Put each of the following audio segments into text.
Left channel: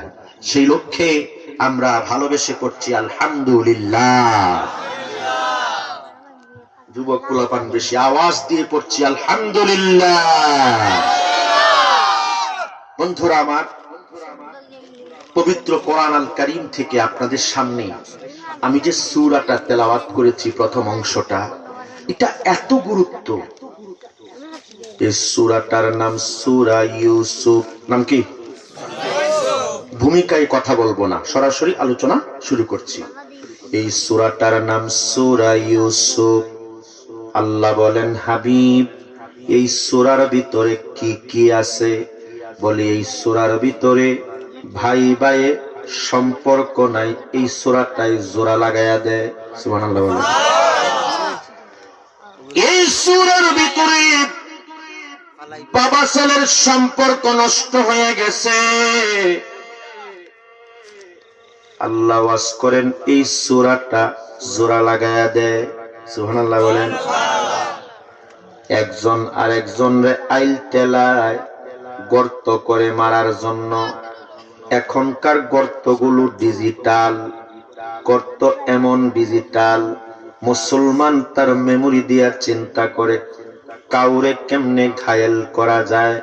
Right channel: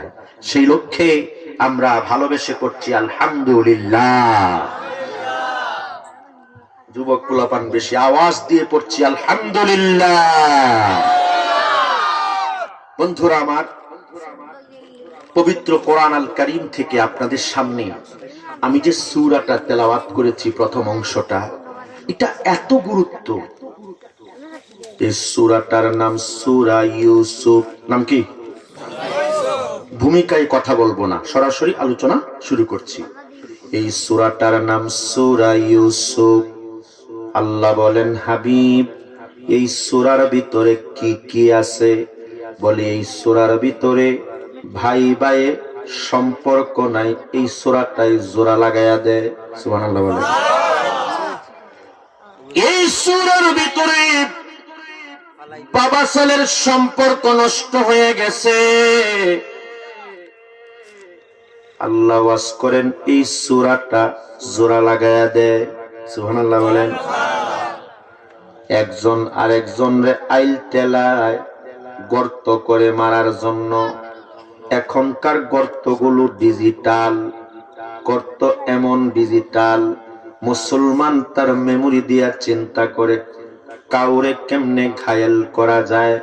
যায়। সেই লক্ষ্যে আমরা ভালোবেসে করছি আলহামদুলিল্লাহ। যুবক পোলাপান বেশি আওয়াজ দিয়ে পড়ছি আলহামদুলিল্লাহ। বন্ধুরা আমার, পবিত্র কোরআন আল কারীম থেকে আপনাদের সামনে আমি যে সূরাটা তেলাওয়াত করেছি, প্রথম অংশটা, এটা এত গুরুত্ব। এই সূরাটার নাম সূরা ইউসুফ। নাম কি? ভূমিকায় কথা বলবো না, সরাসরি আলোচনা শুরু করছি। এই সূরাটার নাম সূরা ইউসুফ। আল্লাহ বলেন, হাবিব, এই সূরার ভিতরে কি কি আছে? বলে এই সূরার ভিতরে ভাই ভাই সম্পর্ক নাই, এই সূরাটাই জোড়া লাগায়া দেয়। সুবহানাল্লাহ বলেন। এই সূরার ভিতরে বাবা ছেলের সম্পর্ক নষ্ট হয়ে গেছে। আল্লাহ ওয়াজ করেন এই সূরাটা জোড়া লাগায়া দেয়। সুবহানাল্লাহ বলেন। একজন আরেকজনরে আইল টেলায় গর্ত করে মারার জন্য। এখনকার গর্তগুলো ডিজিটাল গর্ত, এমন ডিজিটাল, মুসলমান তার মেমোরি দিয়া চিন্তা করে কাউরে কেমনে ঘায়েল করা যায়।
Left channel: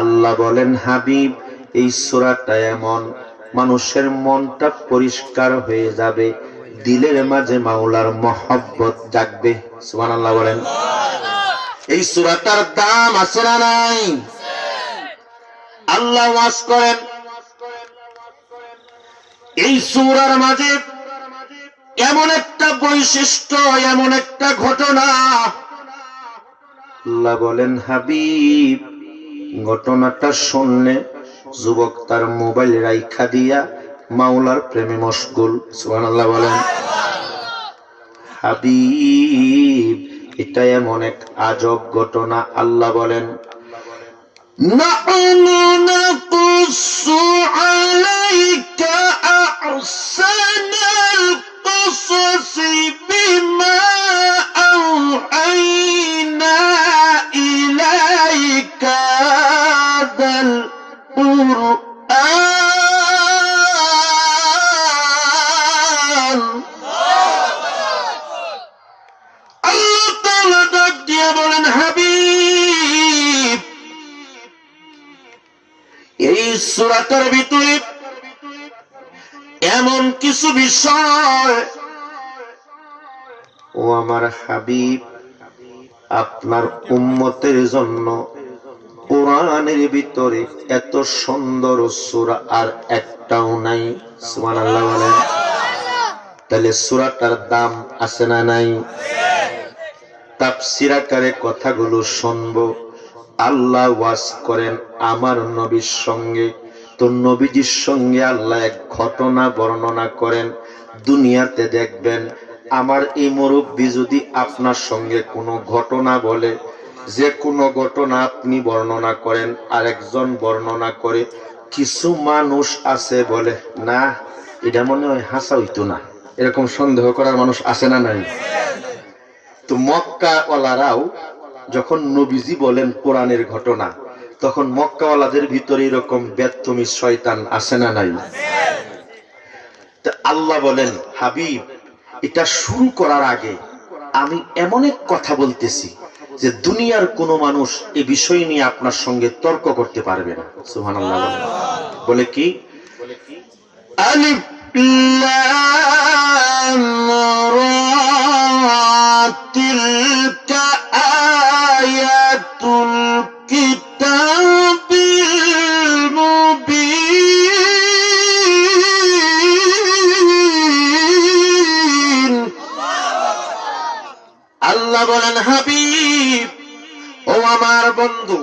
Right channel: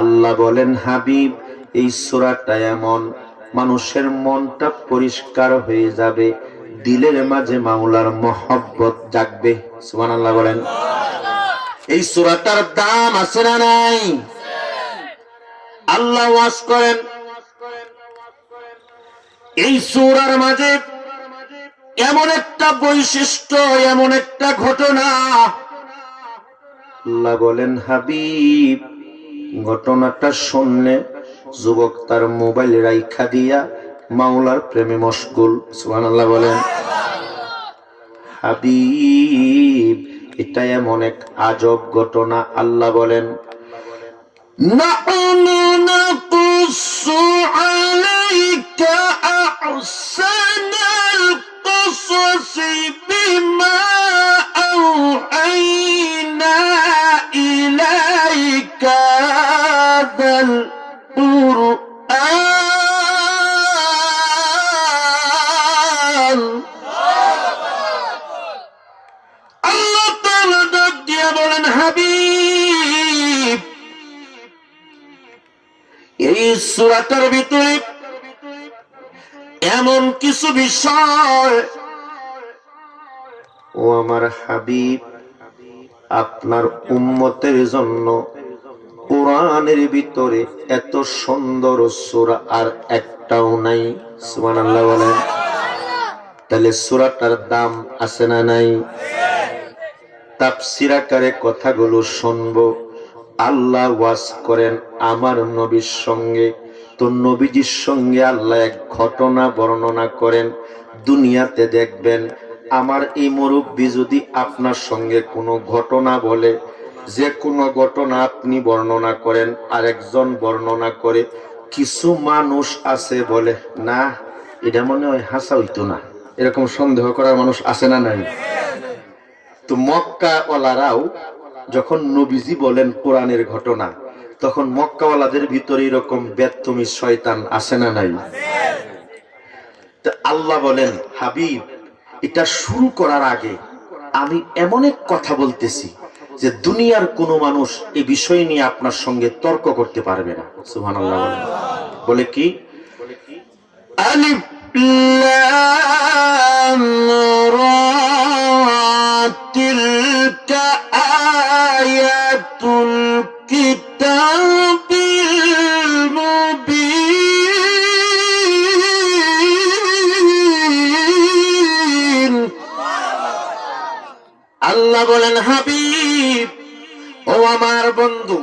আল্লাহ বলেন, হাবিব, এই সূরাটা এমন, মানুষের মনটা পরিষ্কার হয়ে যাবে, দিলের মাঝে মাওলার মহব্বত জাগবে। সুবহানাল্লাহ বলেন। এই সূরাটার দাম আছে না নাই? আল্লাহ ওয়াজ করেন এই সূরার মাঝে এমন একটা বৈশিষ্ট্য, এমন একটা ঘটনা। আল্লাহ বলেন, হাবিব, ঘটনাটা শুনলে যুবক তার মোবাইল রাইখা দিয়া মাওলার প্রেমে মশগুল। সুবহানাল্লাহ বলেন। হাবিব, এটা এমন এক আজব ঘটনা। আল্লাহ বলেন, নাহনু নাকুসু আলাইকা আহসানাল কুসুসি বিমা আওহাইনা ইলাইকা হাযাল কুরআন। আল্লাহ তাআলা ডাক দিয়ে বলেন, হাবিব, এই সূরাটার ভিতরে এমন কিছু বিষয়, ও আমার হাবিব, আপনার উম্মতের জন্য কোরআনের ভিতরে এত সুন্দর সূরা আর একটাও নাই। সুবহানাল্লাহ বলেন। তাহলে সূরাটার দাম আছে না নাই? তাফসীর আকারে কথাগুলো শুনবো। আল্লাহ ওয়াজ করেন আমার নবীর সঙ্গে, তো নবীজির সঙ্গে আল্লাহ এক ঘটনা বর্ণনা করেন। দুনিয়াতে দেখবেন আমার এই মুরব্বী যদি আপনার সঙ্গে কোনো ঘটনা বলে, যে কোনো ঘটনা আপনি বর্ণনা করেন, আরেকজন বর্ণনা করে, কিছু মানুষ আছে বলে, না, এটা মনে হয় হাসা হইতো না, এরকম সন্দেহ করার মানুষ আছে না নাই? তো মক্কা ওয়ালারাও যখন নবীজি বলেন কোরআনের ঘটনা, তখন মক্কাওয়ালাদের ভিতরে এরকম বেত্তমি শয়তান আছে না নাই? আল্লাহ বলেন, হাবিব, এটা শুরু করার আগে আমি এমন এক কথা বলতেছি যে দুনিয়ার কোনো মানুষ এই বিষয় নিয়ে আপনার সঙ্গে তর্ক করতে পারবে না। সুবহানাল্লাহ বলেন। বলে কি? আলিফ লাম রা তিলকা আয়াতুল কিতাবিল মুবিন। আল্লাহ বলেন, হাবিব, ও আমার বন্ধু,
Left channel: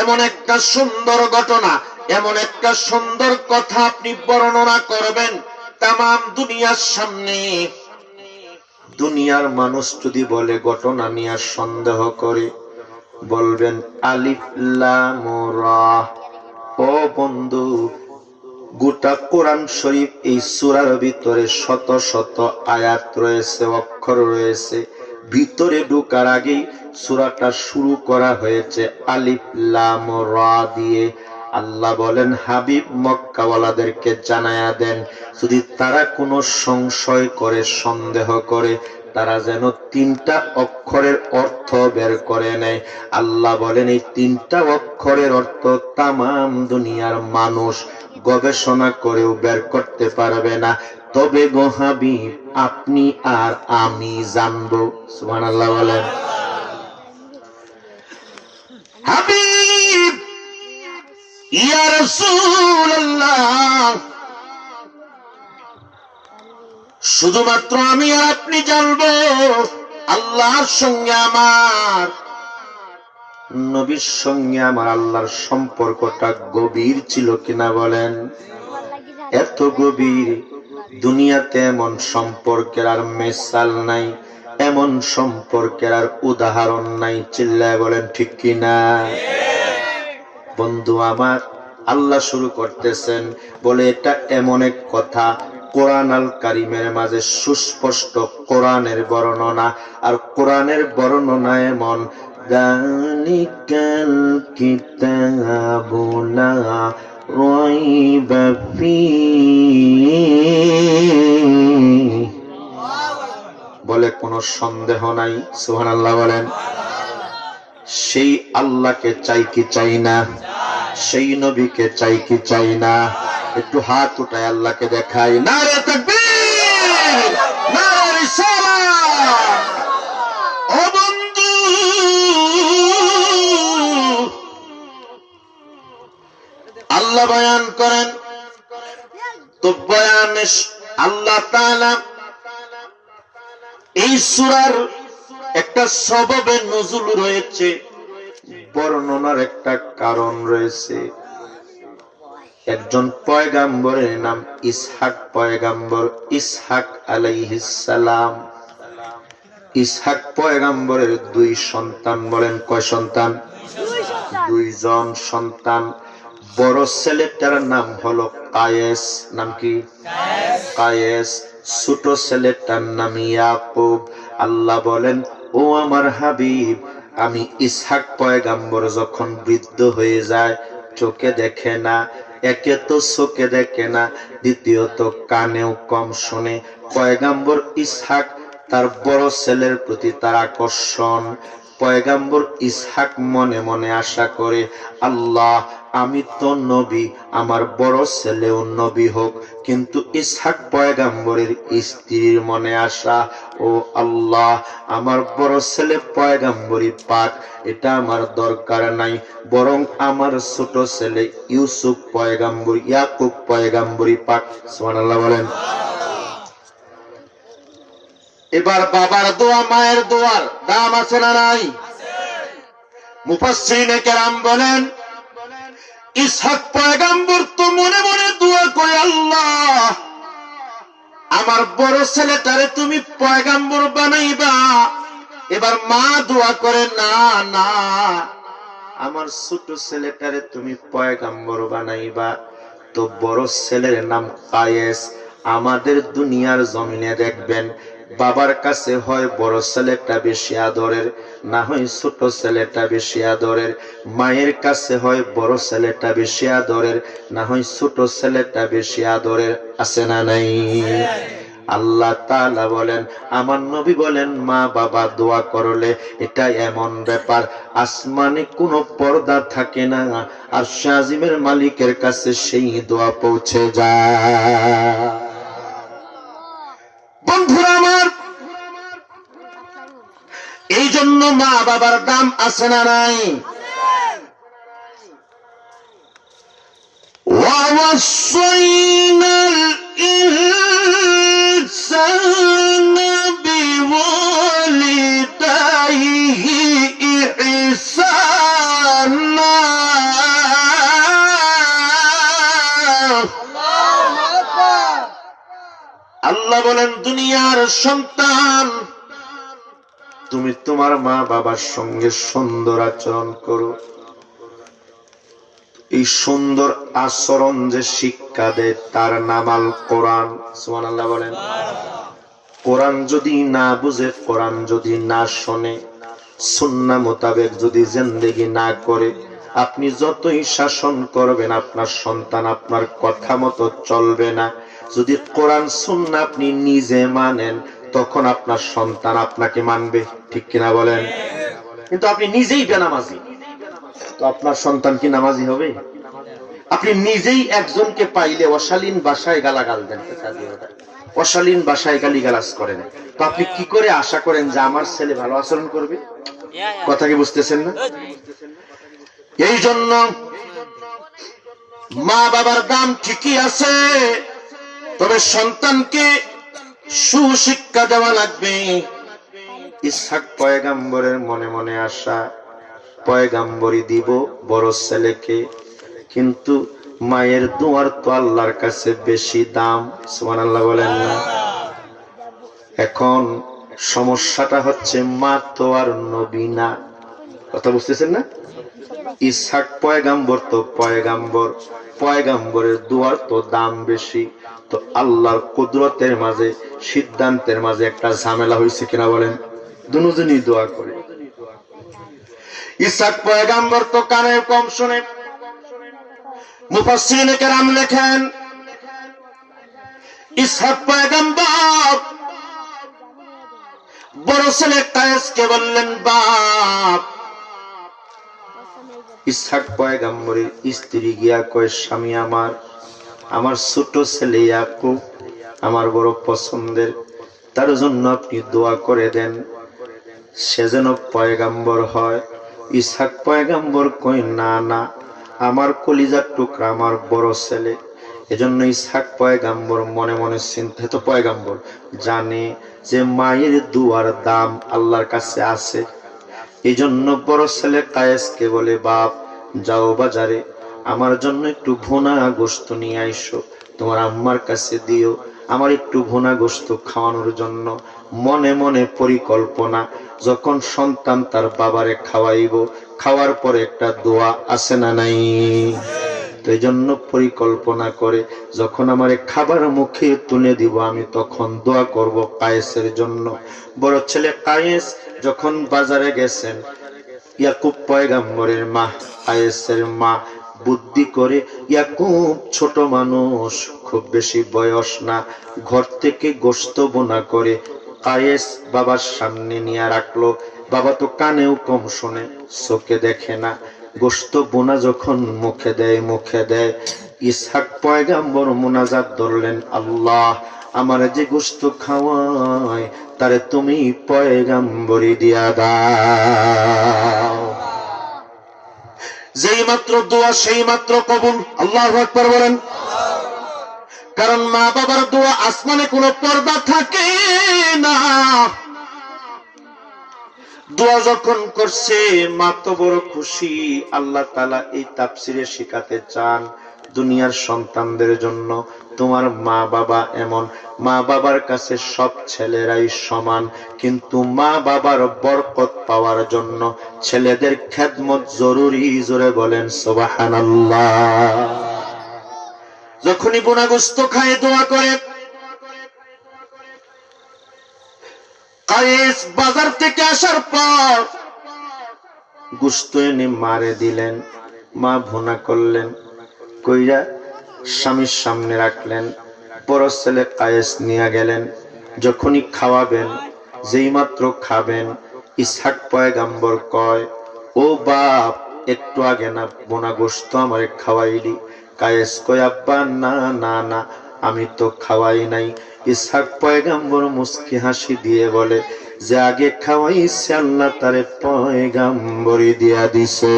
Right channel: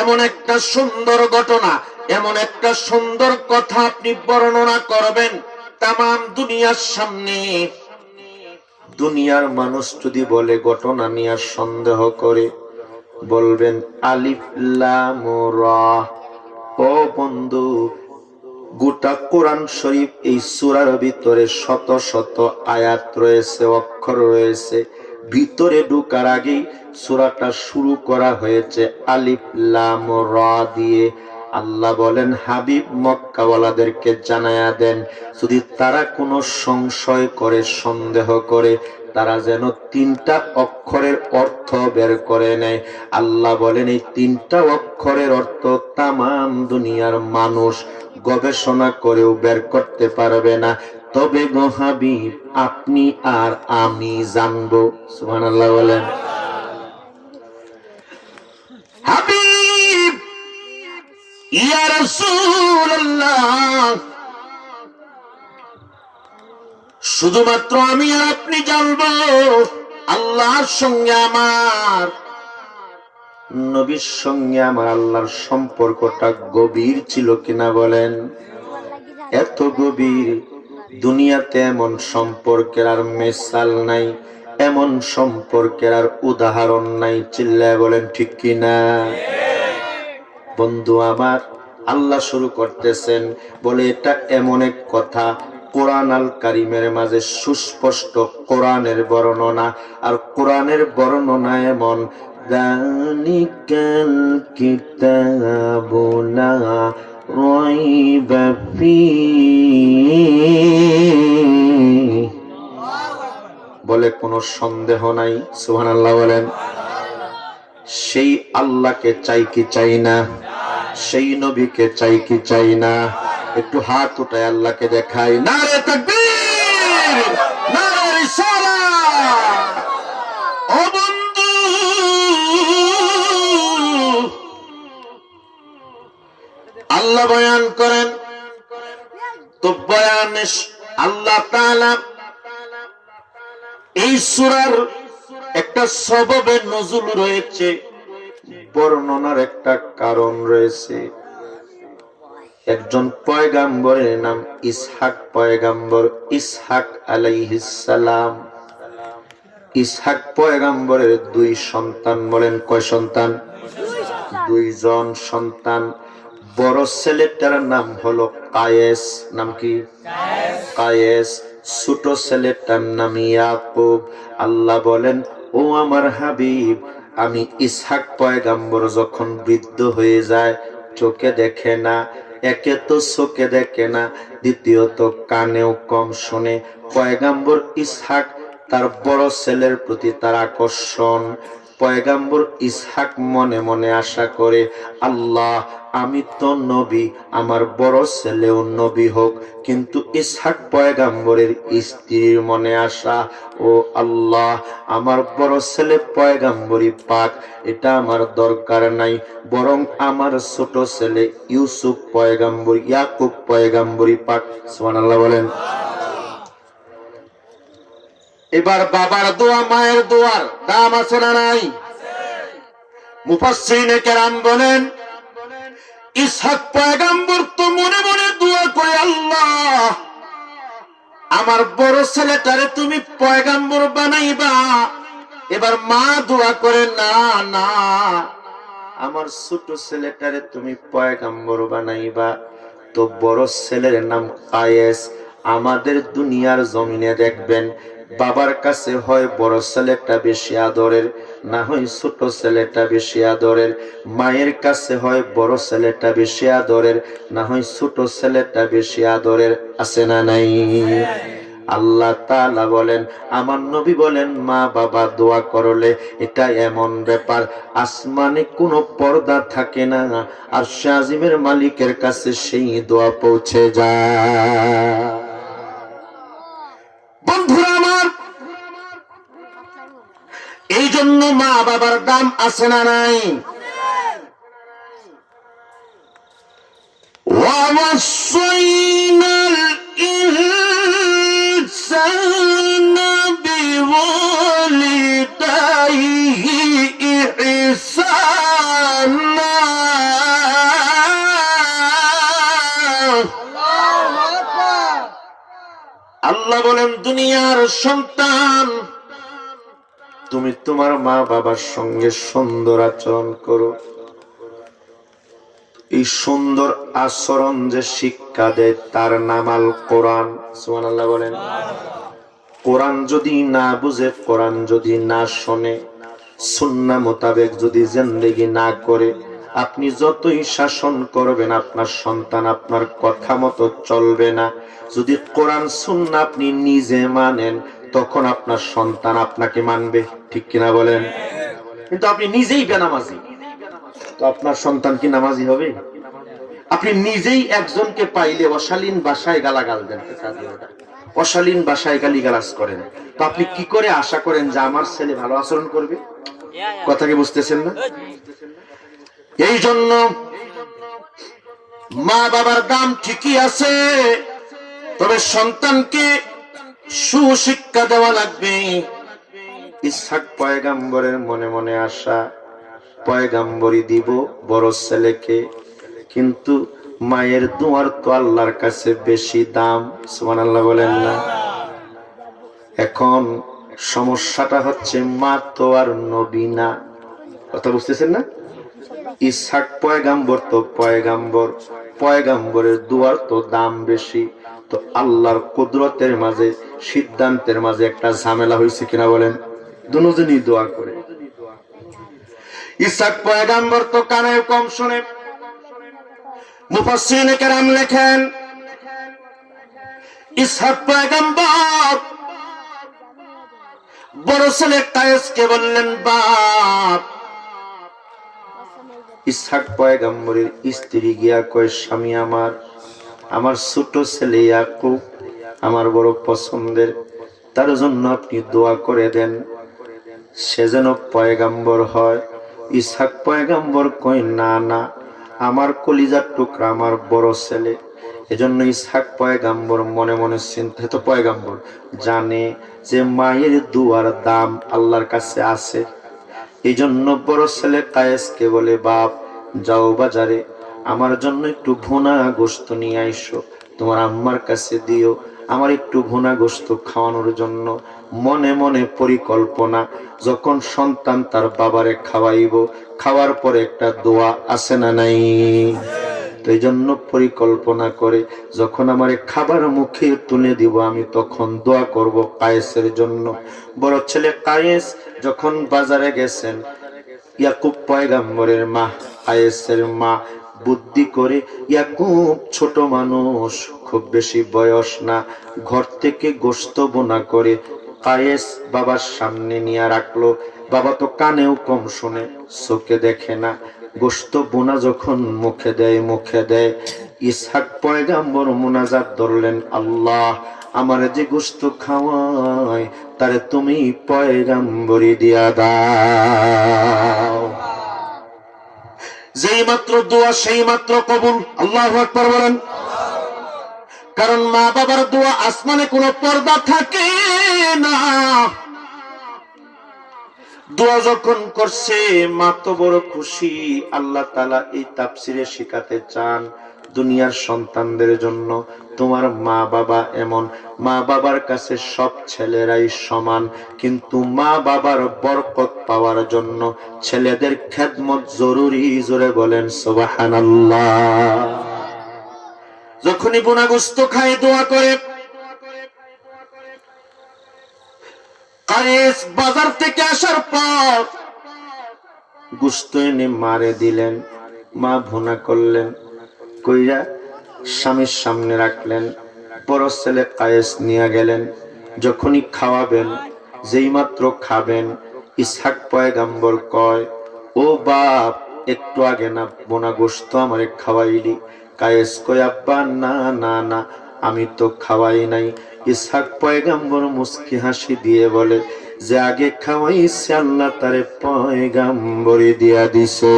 এমন একটা সুন্দর ঘটনা, এমন একটা সুন্দর কথা আপনি বর্ণনা করবেন তামাম দুনিয়ার সামনে। দুনিয়ার মানুষ যদি বলে ঘটনা নিয়ে সন্দেহ করে, বলবেন আলিফ লাম রা। ও বন্ধু, গোটা কোরআন শরীফ এই সূরার ভিতরে শত শত আয়াত রয়েছে, অক্ষর রয়েছে। ভিতরে ঢোকার আগেই সূরাটা শুরু করা হয়েছে আলিফ লাম রা দিয়ে। আল্লাহ বলেন হাবিব মক্কাওয়ালাদেরকে জানায়া দেন, যদি তারা কোনো সংশয় করে, সন্দেহ করে, তারা যেন 3টা অক্ষরের অর্থ বের করে নেয়। আল্লাহ বলেন এই 3টা অক্ষরের অর্থ তামাম দুনিয়ার মানুষ গবেষণা করেও বের করতে পারবে না, তবে গো হাবিব আপনি আর আমি জানবো। সুবহানাল্লাহ বলেন। হাবিব ইয়া রাসূলুল্লাহ, শুধুমাত্র আমি আর আপনি জানবো আল্লাহর সঙ্গে আমার নবীর সঙ্গে আমার আল্লাহর সম্পর্কটা গভীর ছিল কিনা বলেন। এত গভীর, দুনিয়াতে এমন সম্পর্কের আর মেসাল নাই, এমন সম্পর্কের আর উদাহরণ নাই। চিল্লায় বলেন ঠিক কিনা। বন্ধু আমার, আল্লাহ শুরু করতেছেন বলে এটা এমন এক কথা, কোরআন আল কারিমের মাঝে সুস্পষ্ট কোরআনের বর্ণনা, আর কোরআনের বর্ণনা এমন, যালিকাল কিতাবু লা রাইবা ফীহি, বলে কোনো সন্দেহ নাই। সুবহানাল্লাহ বলেন। সেই আল্লাহকে চাই কি চাই না? সেই নবীকে চাই কি চাই না? একটু হাত উঠায় আল্লাহকে দেখাই। নারে তাকবীর, নারে রিসালাত। ও বন্ধু, আল্লাহ বয়ান করেন, তো বয়ানে আল্লাহ তাআলা এই সূরার একটা সববে নজুল রয়েছে, বর্ণনার একটা কারণ রয়েছে। একজন পয়গাম্বরের নাম ইসহাক পয়গাম্বর, ইসহাক আলাইহিস সালাম। ইসহাক পয়গাম্বরের 2 সন্তান। বলেন কয় সন্তান? 2 জন সন্তান। বড় ছেলেটার নাম হলো কায়েস। নাম কি? কায়েস। ছোট ছেলেটার নাম ইয়াকুব। আল্লাহ বলেন, ও আমার হাবিব, আমি ইসহাক পয়গাম্বর যখন বৃদ্ধ হয়ে যায়, চোখে দেখে না, একে তো চোখে দেখে না, দ্বিতীয়ত কানেও কম শুনে, পয়গাম্বর ইসহাক তার বড় ছেলের প্রতি তার আকর্ষণ। পয়গাম্বর ইসহাক মনে মনে আশা করে, আল্লাহ আমি তো নবী, আমার বড় ছেলেও নবী হোক। কিন্তু ইসহাক পয়গাম্বরের স্ত্রীর মনে আশা, ও আল্লাহ আমার বড় ছেলে পয়গাম্বরী পাক, এটা আমার দরকার নাই, বরং আমার ছোট ছেলে ইউসুফ পয়গাম্বর, ইয়াকুব পয়গাম্বরী পাক। সুবহানাল্লাহ বলেন। এবার বাবার দোয়া, মায়ের দোয়ার দাম আছে না নাই? মুফাসসিরিনে কেরাম বলেন, ইসহাক পয়গাম্বর তো মনে মনে দোয়া করে, আল্লাহ আমার বড় ছেলেটারে তুমি পয়গাম্বর বানাইবা। এবার মা দোয়া করে, না না, আমার ছোট ছেলেটারে তুমি পয়গাম্বর বানাইবা। তো বড় ছেলের নাম কায়েস। আমাদের দুনিয়ার জমিনে দেখবেন, বাবার কাছে হয় বড় ছেলেটা বেশি আদরের, না হয় ছোট ছেলেটা বেশি আদরের। মায়ের কাছে হয় বড় ছেলেটা বেশি আদরের, না হয় ছোট ছেলেটা বেশি আদরের। আছে না নাই? আল্লাহ তাআলা বলেন, আমার নবী বলেন, মা বাবা দোয়া করলে এটা এমন ব্যাপার, আসমানে কোনো পর্দা থাকে না, আর শাজিমের মালিকের কাছে সেই দোয়া পৌঁছে যায়। বন্ধুরা আমার, এই জন্য মা বাবার দাম আছে না নাই? ওয়াওয়াসাইনাল ইনসানা বিওয়ালিদাইহি ইহসানা। আল্লাহ বলেন, দুনিয়ার সন্তান, তুমি তোমার মা বাবার সঙ্গে সুন্দর আচরণ করো। এই সুন্দর আচরণ যে শিক্ষা দেয় তার নাম আল কোরআন। সুবহানাল্লাহ বলেন। কোরআন যদি না বুঝে, কোরআন যদি না শোনে, সুন্নাহ মোতাবেক যদি জিন্দেগি না করে, আপনি যতই শাসন করবেন আপনার সন্তান আপনার কথা মতো চলবে না। যদি কোরআন সুন্নাহ আপনি নিজে মানেন তখন আপনার সন্তান আপনাকে মানবে, ঠিক কিনা বলেন? কিন্তু আপনি নিজেই বেনামাজি, তো আপনার সন্তান কি নামাজি হবে? আপনি নিজেই একজনকে পাইলে অশালীন ভাষায় গালাগাল দেন, অশালীন ভাষায় গালিগালাজ করেন, তো আপনি কি করে আশা করেন যে আমার ছেলে ভালো আচরণ করবে? কথা কি বুঝতেছেন না? এই জন্য মা বাবার দাম ঠিকই আছে, তবে সন্তানকে সুশিক্ষা দেওয়া লাগবে। ইসহাক পয়গাম্বরের মনে মনে আশা, পয়গাম্বরী দিব বড় ছেলেকে, কিন্তু মায়ের দোয়ার তো আল্লাহর কাছে বেশি দাম। সুবহানাল্লাহ বলেন না? এখন সমস্যাটা হচ্ছে মা তো আর নবী না, কথা বুঝতেছেন না? ইসহাক পয়গাম্বর তো পয়গাম্বর, পয়গাম্বরের দোয়ার তো দাম বেশি। তো আল্লাহর কুদরতের মাঝে সিদ্ধান্তের মাঝে একটা ঝামেলা হয়েছে কিনা বলেন? দুজনই দোয়া করে। ইসহাক পয়গাম্বর তো কানে কম শুনে। মুফাসসিরিনে কেরাম লেখেন ইসহাক পয়গাম্বর বড় ছেলে কায়েসকে বললেন, বাপ। ইসহাক পয়গাম্বরের স্ত্রী গিয়া কয়, স্বামী আমার, আমার ছোট ছেলে ইয়াকুব আমার বড় পছন্দের, তার জন্য আপনি দোয়া করে দেন, সে যেন পয়গাম্বর হয়। ইসহাক পয়গাম্বর কয়, না না, আমার কলিজার টুকরা আমার বড় ছেলে। এজন্য ইসহাক পয়গাম্বর মনে মনে চিন্তা, তো পয়গাম্বর জানে যে মায়ের দুয়ার দাম আল্লাহর কাছে আছে। এই জন্য বড় ছেলে কায়েসকে বলে, বাপ যাও বাজারে আমার জন্য একটু ভুনা গোশত নিয়ে আইসো, তোমার আম্মার কাছে দিও, আমার একটু ভুনা গোশত খাওয়ানোর জন্য। মনে মনে পরিকল্পনা, যখন সন্তান তার বাবারে খাওয়াইব, খাওয়ার পরে একটা দোয়া আছে না নাই? তো এই জন্য পরিকল্পনা করে যখন আমার খাবার মুখে তুলে দিব আমি তখন দোয়া করব কায়েসের জন্য। বড় ছেলে কায়েস যখন বাজারে গেছেন, ইয়াকুব পয়গাম্বরের মা, কায়েসের মা বুদ্ধি করে, ইয়াকুব ছোট মানুষ, খুব বেশি বয়স না, ঘর থেকে গোশত বোনা করে কায়েস বাবার সামনে নিয়ে রাখলো। বাবা তো কানেও কম শোনে, চোখে দেখে না। গোশত বোনা যখন মুখে দেয়, ইসহাক পয়গাম্বর মুনাজাত ধরলেন, আল্লাহ আমার যে গোশত খাওয়ায় তারে তুমি পয়গাম্বরি দিয়া দাও। যেই মাত্র দোয়া সেই মাত্র কবুল। আল্লাহু আকবার বলেন। কারণ মা বাবার দোয়া আসমানে কোনো পর্দা থাকে না। দোয়া যখন করছে মা তো বড় খুশি। আল্লাহ তাআলা এই তাফসিরে শিখাতে চান, দুনিয়ার সন্তানদের জন্য তোমার মা বাবা এমন, মা বাবার কাছে সব ছেলেরাই সমান, কিন্তু মা বাবার বরকত পাওয়ার জন্য ছেলেদের খেদমত জরুরি। জোরে বলেন সুবহানাল্লাহ। যখনই বোনা গোশত খায় দোয়া করে। কায়েস বাজার থেকে আসার পর গোশত এনে মারে দিলেন, মা ভুনা করলেন, কইরা স্বামীর সামনে রাখলেন। বড় ছেলে কায়েস নিয়ে গেলেন, যখনই খাওয়াবেন, যেই মাত্র খাবেন, ইসহাক পয়গাম্বর কয়, ও বাপ একটু আগে না বোনা গোশত আমারে খাওয়াইলি? কায়েস কয়, আব্বা না না না, আমি তো খাওয়াই নাই। ইসহাক পয়গাম্বর মুস্কি হাসি দিয়ে বলে, যে আগে খাওয়াইছে আল্লাহ তারে পয়গাম্বরি দিয়া দিছে।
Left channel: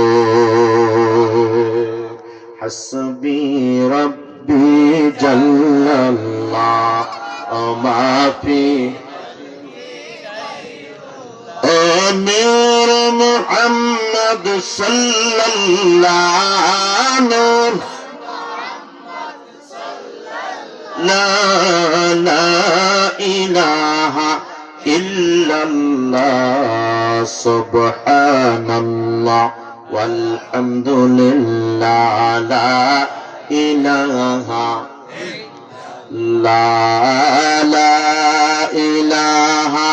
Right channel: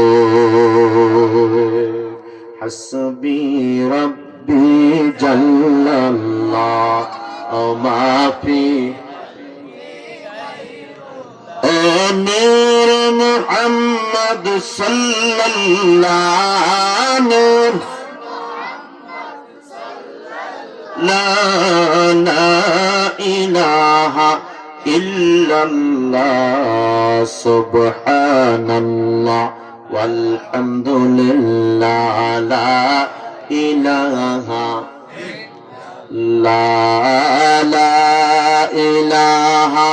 হাসবি রব্বি জাল্লাল্লাহ মাফি নূর মুহাম্মদ সাল্লাল্লাহু লা ইলাহা ইল্লাল্লাহ সুবহানাল্লাহ walhamdulillah la ilaha la ilaha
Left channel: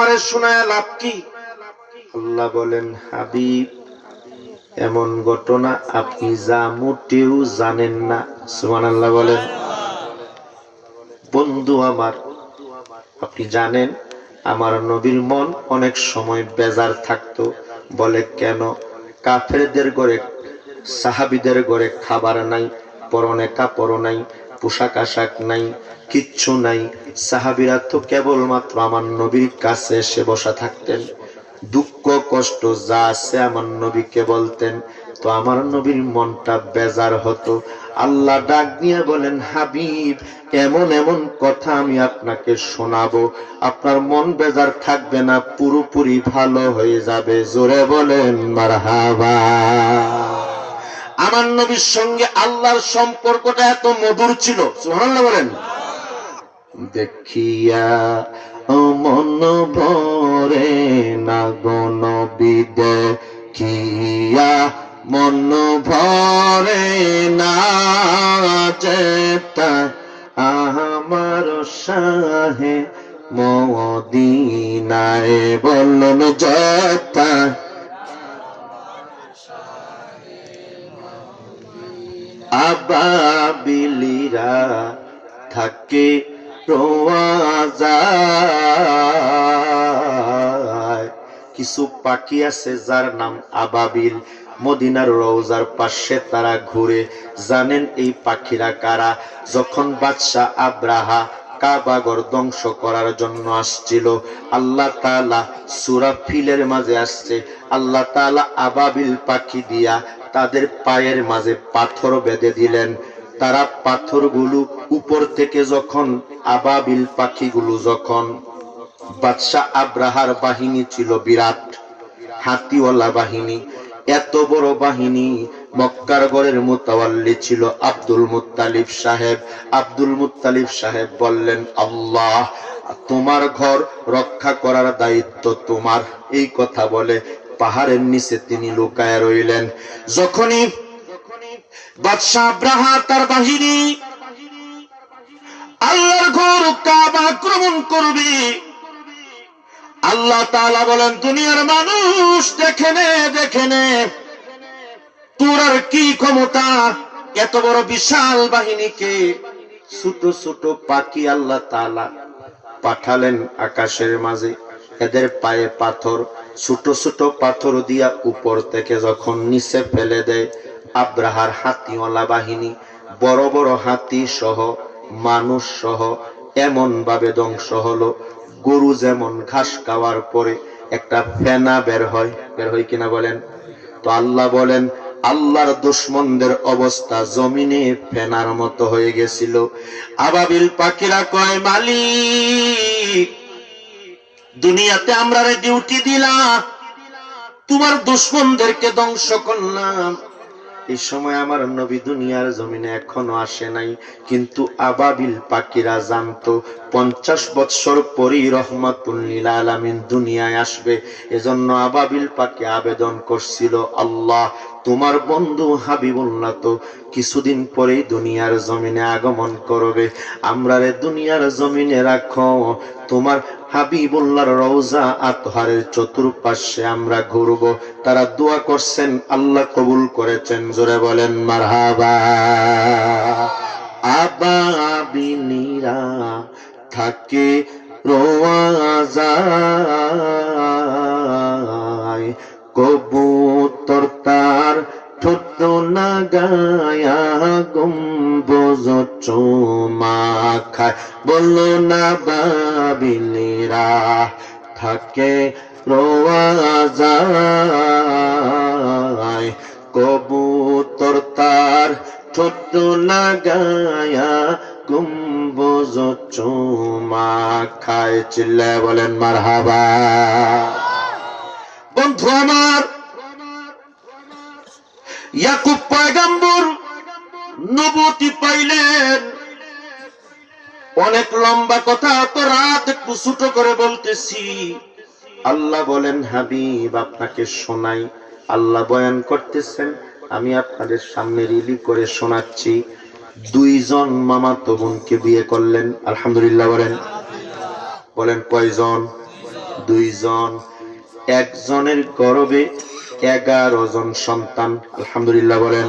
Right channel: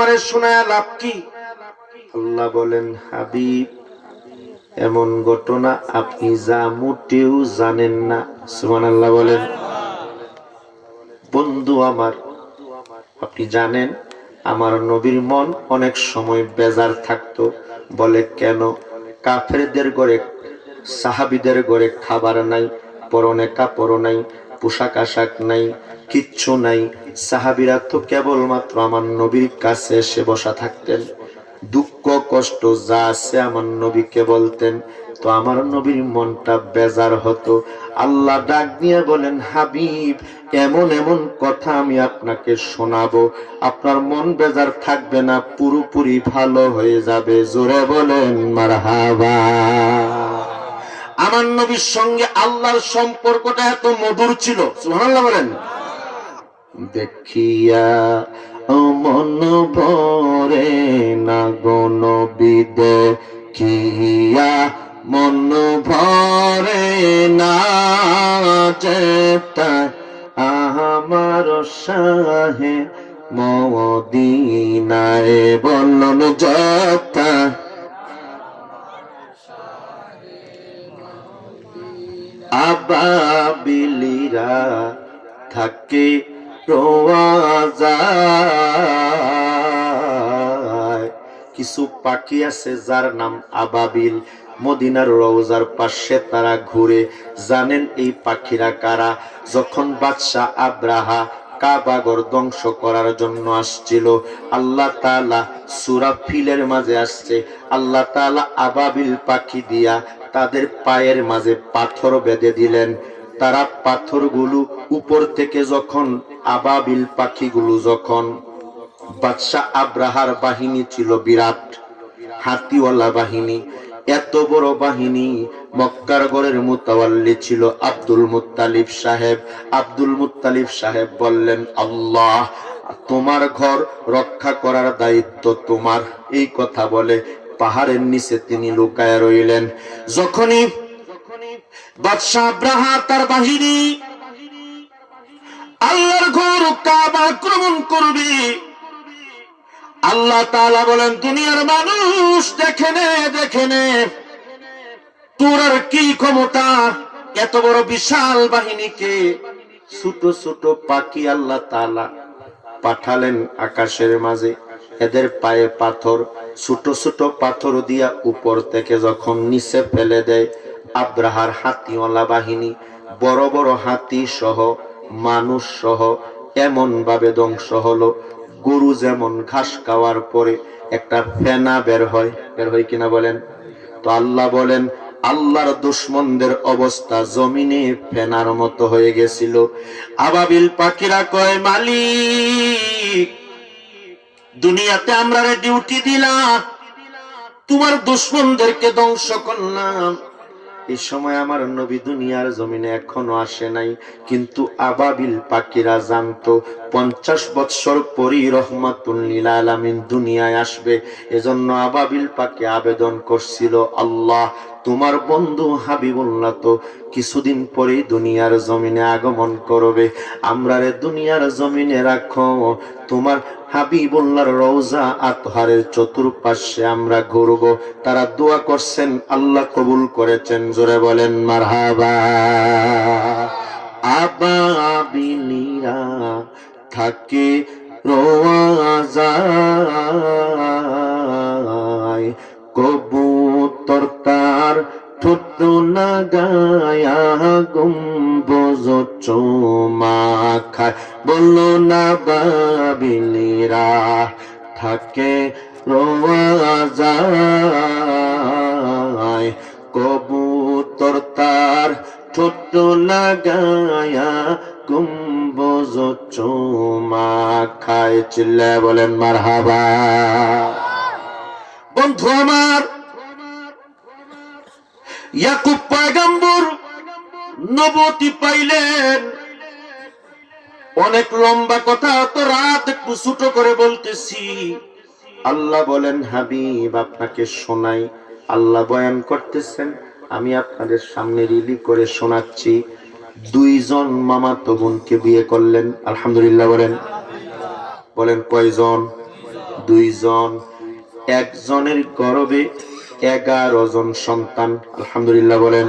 আমারে শোনায় লাভ কি? আল্লাহ বলেন, হাবিব, এমন ঘটনা আপনি যা মোটেও জানেন না। সুবহানাল্লাহ বলেন। বন্ধু আমার, আপনি জানেন আমার নবীর মন অনেক সময় বেজার থাকতো। বলে কেন? কাফেরদের ঘরে, সাহাবীদের ঘরে খাবার নাই, পরনে কাপড় নাই, পোশাক আশাক নাই, কিচ্ছু নাই। সাহাবীরা তো কেবলমাত্র আমার নবীর কাছে এসে বসা থাকতেন, দুঃখ কষ্ট যা আছে আমার নবীকে বলতেন। তো আমার নবীর মনটা বেজার হতো। আল্লাহ ডাক দিয়ে বলেন, হাবিব, এমন এমন কথা আমি আপনাকে শোনাবো, আপনার মন বেজার থাকবে না, পুরোপুরি ভালো হয়ে যাবে। জোরে বলেন মারহাবা। আমার নবীর সঙ্গে আল্লাহর সম্পর্কটা এত মধুর ছিল, সুবহানাল্লাহ বলেন। দেখিয়া মন ভরে না গো নবী, দেখিয়া মন ভরে না, যেতা আমার শাহে মদিনায়, বলুন যেতা। আবাবিলিরা থাকে রোয়াজায়, কিছু পাখি আছে যার নাম আবাবিল। মদিনার রওজার পাশে তারা ঘুরে। জানেন এই পাখিরা কারা? যখন বাদশাহ আব্রাহা কাবাগর ধ্বংস করার জন্য আসছিল, আল্লাহ তাআলা সূরা ফিলের মাঝে আসছে, আল্লাহ তাআলা আবাবিল পাখি দিয়া তাদের পায়ের মাঝে পাথর বেঁধে দিলেন। তারা পাথরগুলো উপর থেকে যখন, আবাবিল পাখিগুলো যখন, বাদশাহ আব্রাহার বাহিনী ছিল বিরাট, হাতিওয়ালা বাহিনী, এত বড় বাহিনী। মক্কার গড়ের মুতাওয়াল্লি ছিল আব্দুল মুত্তালিব সাহেব। আব্দুল মুত্তালিব সাহেব বললেন, আল্লাহ, তোমার ঘর রক্ষা করার দায়িত্ব তোমার। এই কথা বলে পাহাড়ের নিচে তিনি লুকায় রইলেন। যখনই বাদশাহ আব্রাহা তার বাহিনী আল্লাহর ঘর কাবা আক্রমণ করবে, আল্লাহ তাআলা বলেন, দুনিয়ার মানুষ দেখে নে তোর আর কি ক্ষমতা, এত বড় বিশাল বাহিনীকে। ছোট ছোট পাখি আল্লাহ তাআলা পাঠালেন আকাশের মাঝে, এদের পায়ে পাথর, ছোট ছোট পাথর দিয়া উপর থেকে যখন নিচে ফেলে দেয়, আব্রাহার হাতিওয়ালা বাহিনী, বড় বড় হাতি সহ, মানুষ সহ এমন ভাবে ধ্বংস হলো। গরু যেমন ঘাস খাওয়ার পরে একটা ফেনা বের হয় কিনা বলেন? তো আল্লাহ বলেন, আল্লাহর দুশমনদের অবস্থা জমিনে ফেনার মতো হয়ে গেছিল। আবাবিল পাখিরা কয়, মালিক, দুনিয়াতে আমরা ডিউটি দিলাম, তোমার দুশমনদেরকে ধ্বংস করলাম। এই সময় আমার নবী দুনিয়ার জমিনে এখনো আসে নাই, কিন্তু আবাবিল পাখিরা জানতো 50 বৎসর পরই রহমাতুল লিল আলামিন দুনিয়ায় আসবে। এজন্য আবাবিল পাখি আবেদন করছিল, আল্লাহ, তোমার বন্ধু হাবিবুল্লাহ তো কিছুদিন পরেই দুনিয়ার জমিনে আগমন করবে, আমরা রে দুনিয়ার জমিনে রাখো, তোমার হাবিবুল্লাহর রওজা আতহারের চতুর্পাশে আমরা ঘুরব। তারা দোয়া করছেন, আল্লাহ কবুল করেছেন। জোরে বলেন মারহাবা। আবাবিলিরা থাকে রওজায়, কবুতর তার ঠোঁট লাগায়া গম্বুজ চুমা খায়, বলো না বাবিলিরা থাকে রওজায়, কবুতর তার ঠোঁট লাগায়া গম্বুজ চুমা খায়। চিল্লায় বলেন মারহাবা। বন্ধু আমার, ইয়াকুব পয়গম্বর নবুয়তি পাইলেন। অনেক লম্বা কথা, তো রাত একটু ছোট করে বলতেছি। আল্লাহ বলেন, হাবিব, আপনাকে শোনাই। আল্লাহ বয়ান করতেছেন, আমি আপনাদের সামনে রিলি করে শোনাচ্ছি। 2 জন মামাতো বোনকে বিয়ে করলেন। আলহামদুলিল্লাহ বলেন। বলেন কয়জন? দুইজন, একজনের গর্ভে 11 জন সন্তান। আলহামদুলিল্লাহ বলেন।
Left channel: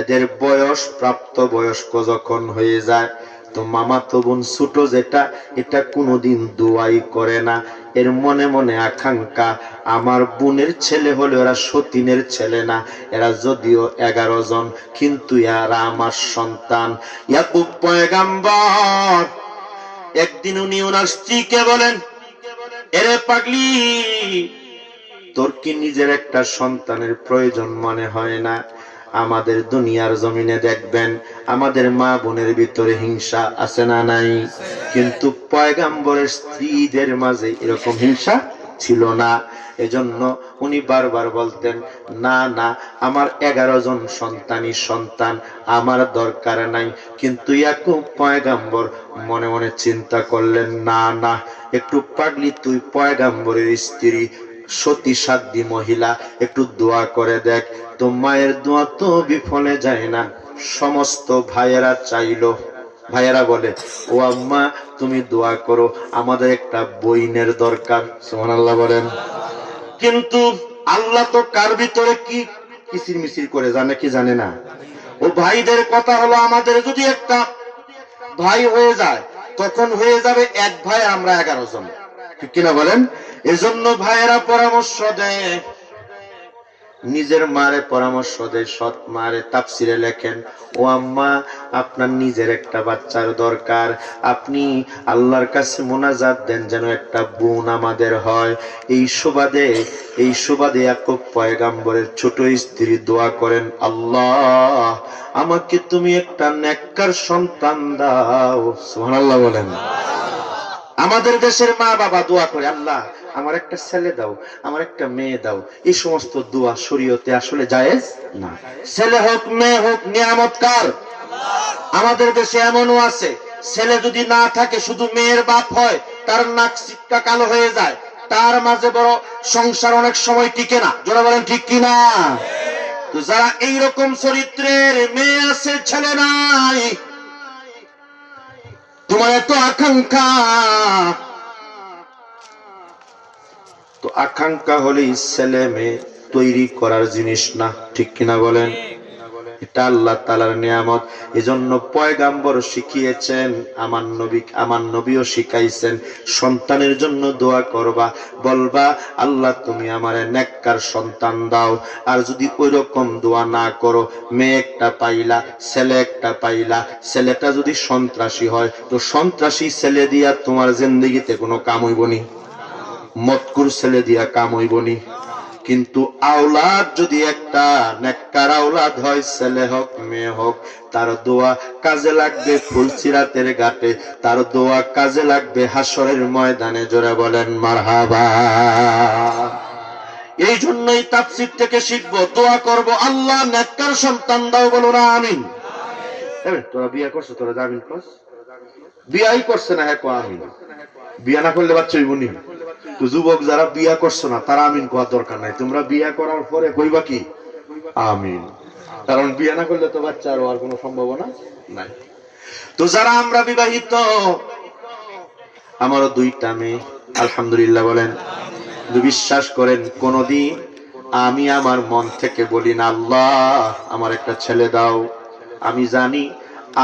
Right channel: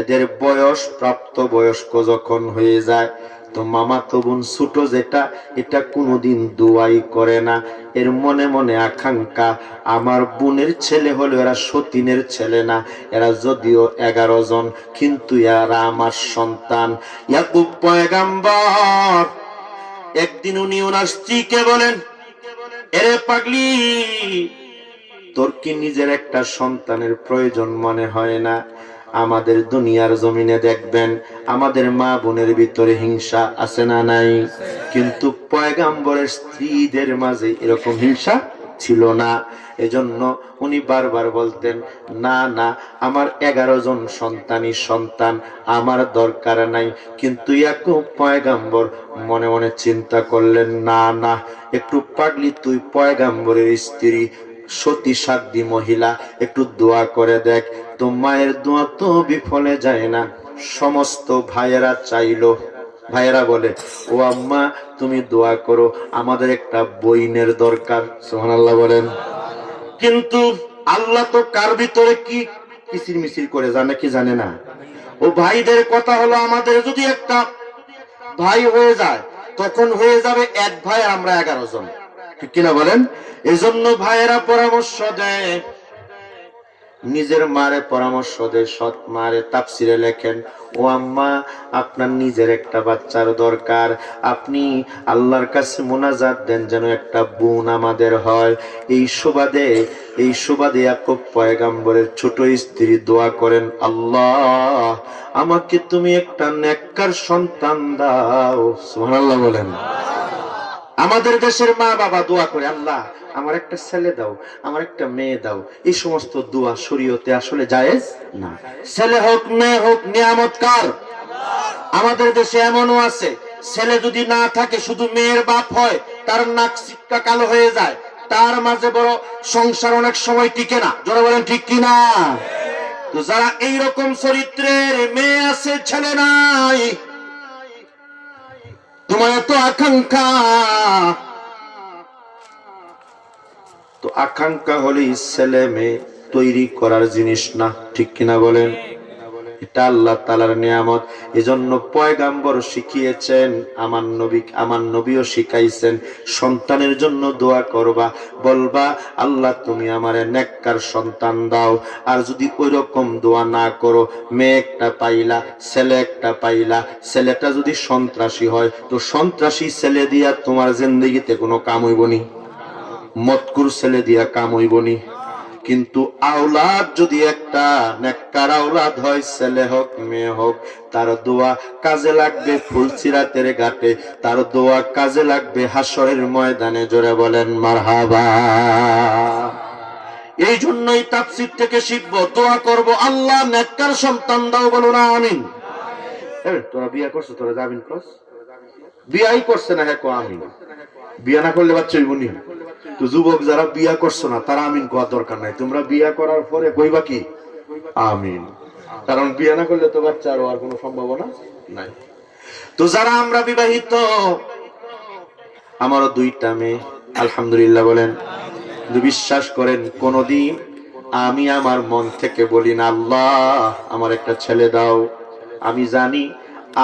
এদের বয়স, প্রাপ্ত বয়স্ক যখন হয়ে যায়, তো মামাতো বোন ছোট যেটা, এটা কোনোদিন দোয়াই করে না। এর মনে মনে আকাঙ্ক্ষা, আমার বোনের ছেলে হলো, এরা সতীনের ছেলে না, এরা যদিও 11 জন, কিন্তু এরা আমার সন্তান। ইয়াকুব পয়গাম্বর একদিন উনি ওনার স্ত্রীকে বলেন, এরে পাগলি, তোর কি নিজের একটা সন্তানের প্রয়োজন মনে হয় না? আমাদের দুনিয়ার জমিনে দেখবেন আমাদের মা বোনের ভিতরে হিংসা আছে না নাই? কিন্তু পয়গাম্বরের স্ত্রীদের মাঝে এরকম হিংসা ছিল না। এজন্য উনি বারবার বলতেন, না না, আমার 11 জন সন্তানই সন্তান, আমার দরকার নাই। কিন্তু ইয়াকুব পয়গাম্বর মনে মনে চিন্তা করলেন, না না, একটু পাগলি, তুই পয়গাম্বরের স্ত্রী, সতী সাধ্বী মহিলা, একটু দোয়া করে দেখ। তো মায়ের দোয়া তো বিফলে যায় না। সমস্ত ভাইয়েরা চাইলো, ভাইয়েরা বলে, ও আম্মা তুমি দোয়া করো, আমাদের একটা বইনের দরকার। সুবহানাল্লাহ বলেন। কিন্তু আল্লাহ তো কার ভিতরে কি কিচির মিচির করে জানে কি জানে না। ও ভাইদের কথা হলো, আমাদের যদি একটা ভাই হয়ে যায়, তখন হয়ে যাবে এক ভাই, আমরা 11 জন, ঠিক কিনা বলেন? এজন্য ভাইয়েরা পরামর্শ দেয়, নিজের মারে পরামর্শ দেয়, সৎ মারে তাফসিরে লেখেন, ও আম্মা আপনার নিজের একটা বাচ্চার দরকার, আপনি আল্লাহর কাছে মোনাজাত দেন যেন একটা বোন আমাদের হয়। এই সুবাদে ইয়াকুব পয়গাম্বরের ছোট স্ত্রী দোয়া করেন, আল্লাহ আমাকে তুমি একটা নেককার সন্তান দাও। সুবহানাল্লাহ বলেন। আমাদের দেশের মা বাবা দোয়া করে, আল্লাহ আমার একটা ছেলে দাও, আমার একটা মেয়ে দাও। এই সমস্ত দোয়া শরীয়তে আসলে জায়েজ না। ছেলে হোক মেয়ে হোক, নিয়ামত কার? আমাদের দেশে এমনও আছে, ছেলে যদি না থাকে, শুধু মেয়ের বাপ হয়, তার নাক সিক্কা কালো হয়ে যায়, তার মাঝে বড় সংসার অনেক সময় টিকে না। যারা বলেন ঠিক কিনা? তো যারা এইরকম চরিত্রের মেয়ে আছে, ছেলে নাই, তোমার এত আকাঙ্ক্ষা, তো আকাঙ্ক্ষা হলেই ছেলে মেয়ে তৈরি করার জিনিস না, ঠিক কিনা বলেন? এটা আল্লাহ তাআলার নিয়ামত। এজন্য পয়গাম্বর শিখিয়েছেন, আমার নবীও শিখাইছেন, সন্তানের জন্য দোয়া করবা, বলবা আল্লাহ তুমি আমারে নেককার সন্তান দাও। আর যদি ওইরকম দোয়া না করো, মেয়ে একটা পাইলা, ছেলে একটা পাইলা, ছেলেটা যদি সন্ত্রাসী হয়, তো সন্ত্রাসী ছেলে দিয়া তোমার জিন্দেগিতে কোনো কাম হইবনি, মতকুর ছেলে দিয়া কাম হইবনি। কিন্তু আওলাদ যদি একটা নেককার আওলাদ হয়, ছেলে হোক মেয়ে হোক, তার দোয়া কাজে লাগবে ফুলসিরাতের ঘাটে, তার দোয়া কাজে লাগবে হাসরের ময়দানে। জোরে বলেন মারহাবা। এই জন্যই তাফসীর থেকে শিখবো, দোয়া করব, আল্লাহ নেককার সন্তান দাও, বলো না আমিন। তোরা বিয়ে করছো, তোরা আমিন কর। বিয়াই করছে না, হ্যাঁ আমিন। বিয়া না করলে বাচ্চা হইবনি। তো যুবক যারা বিয়া করছো না, তারা আমিন কোয়ার দরকার নাই, তোমরা বিয়া করার পরে কইবা কি? আমিন। কারণ বিয়া না করলে তো বাচ্চা আর কোনো সম্ভাবনা নাই। তো যারা আমরা বিবাহিত, আমারও 2টা মেয়ে, আলহামদুলিল্লাহ বলেন। বিশ্বাস করেন, কোনদিন আমি আমার মন থেকে বলি না, আল্লাহ আমার একটা ছেলে দাও। আমি জানি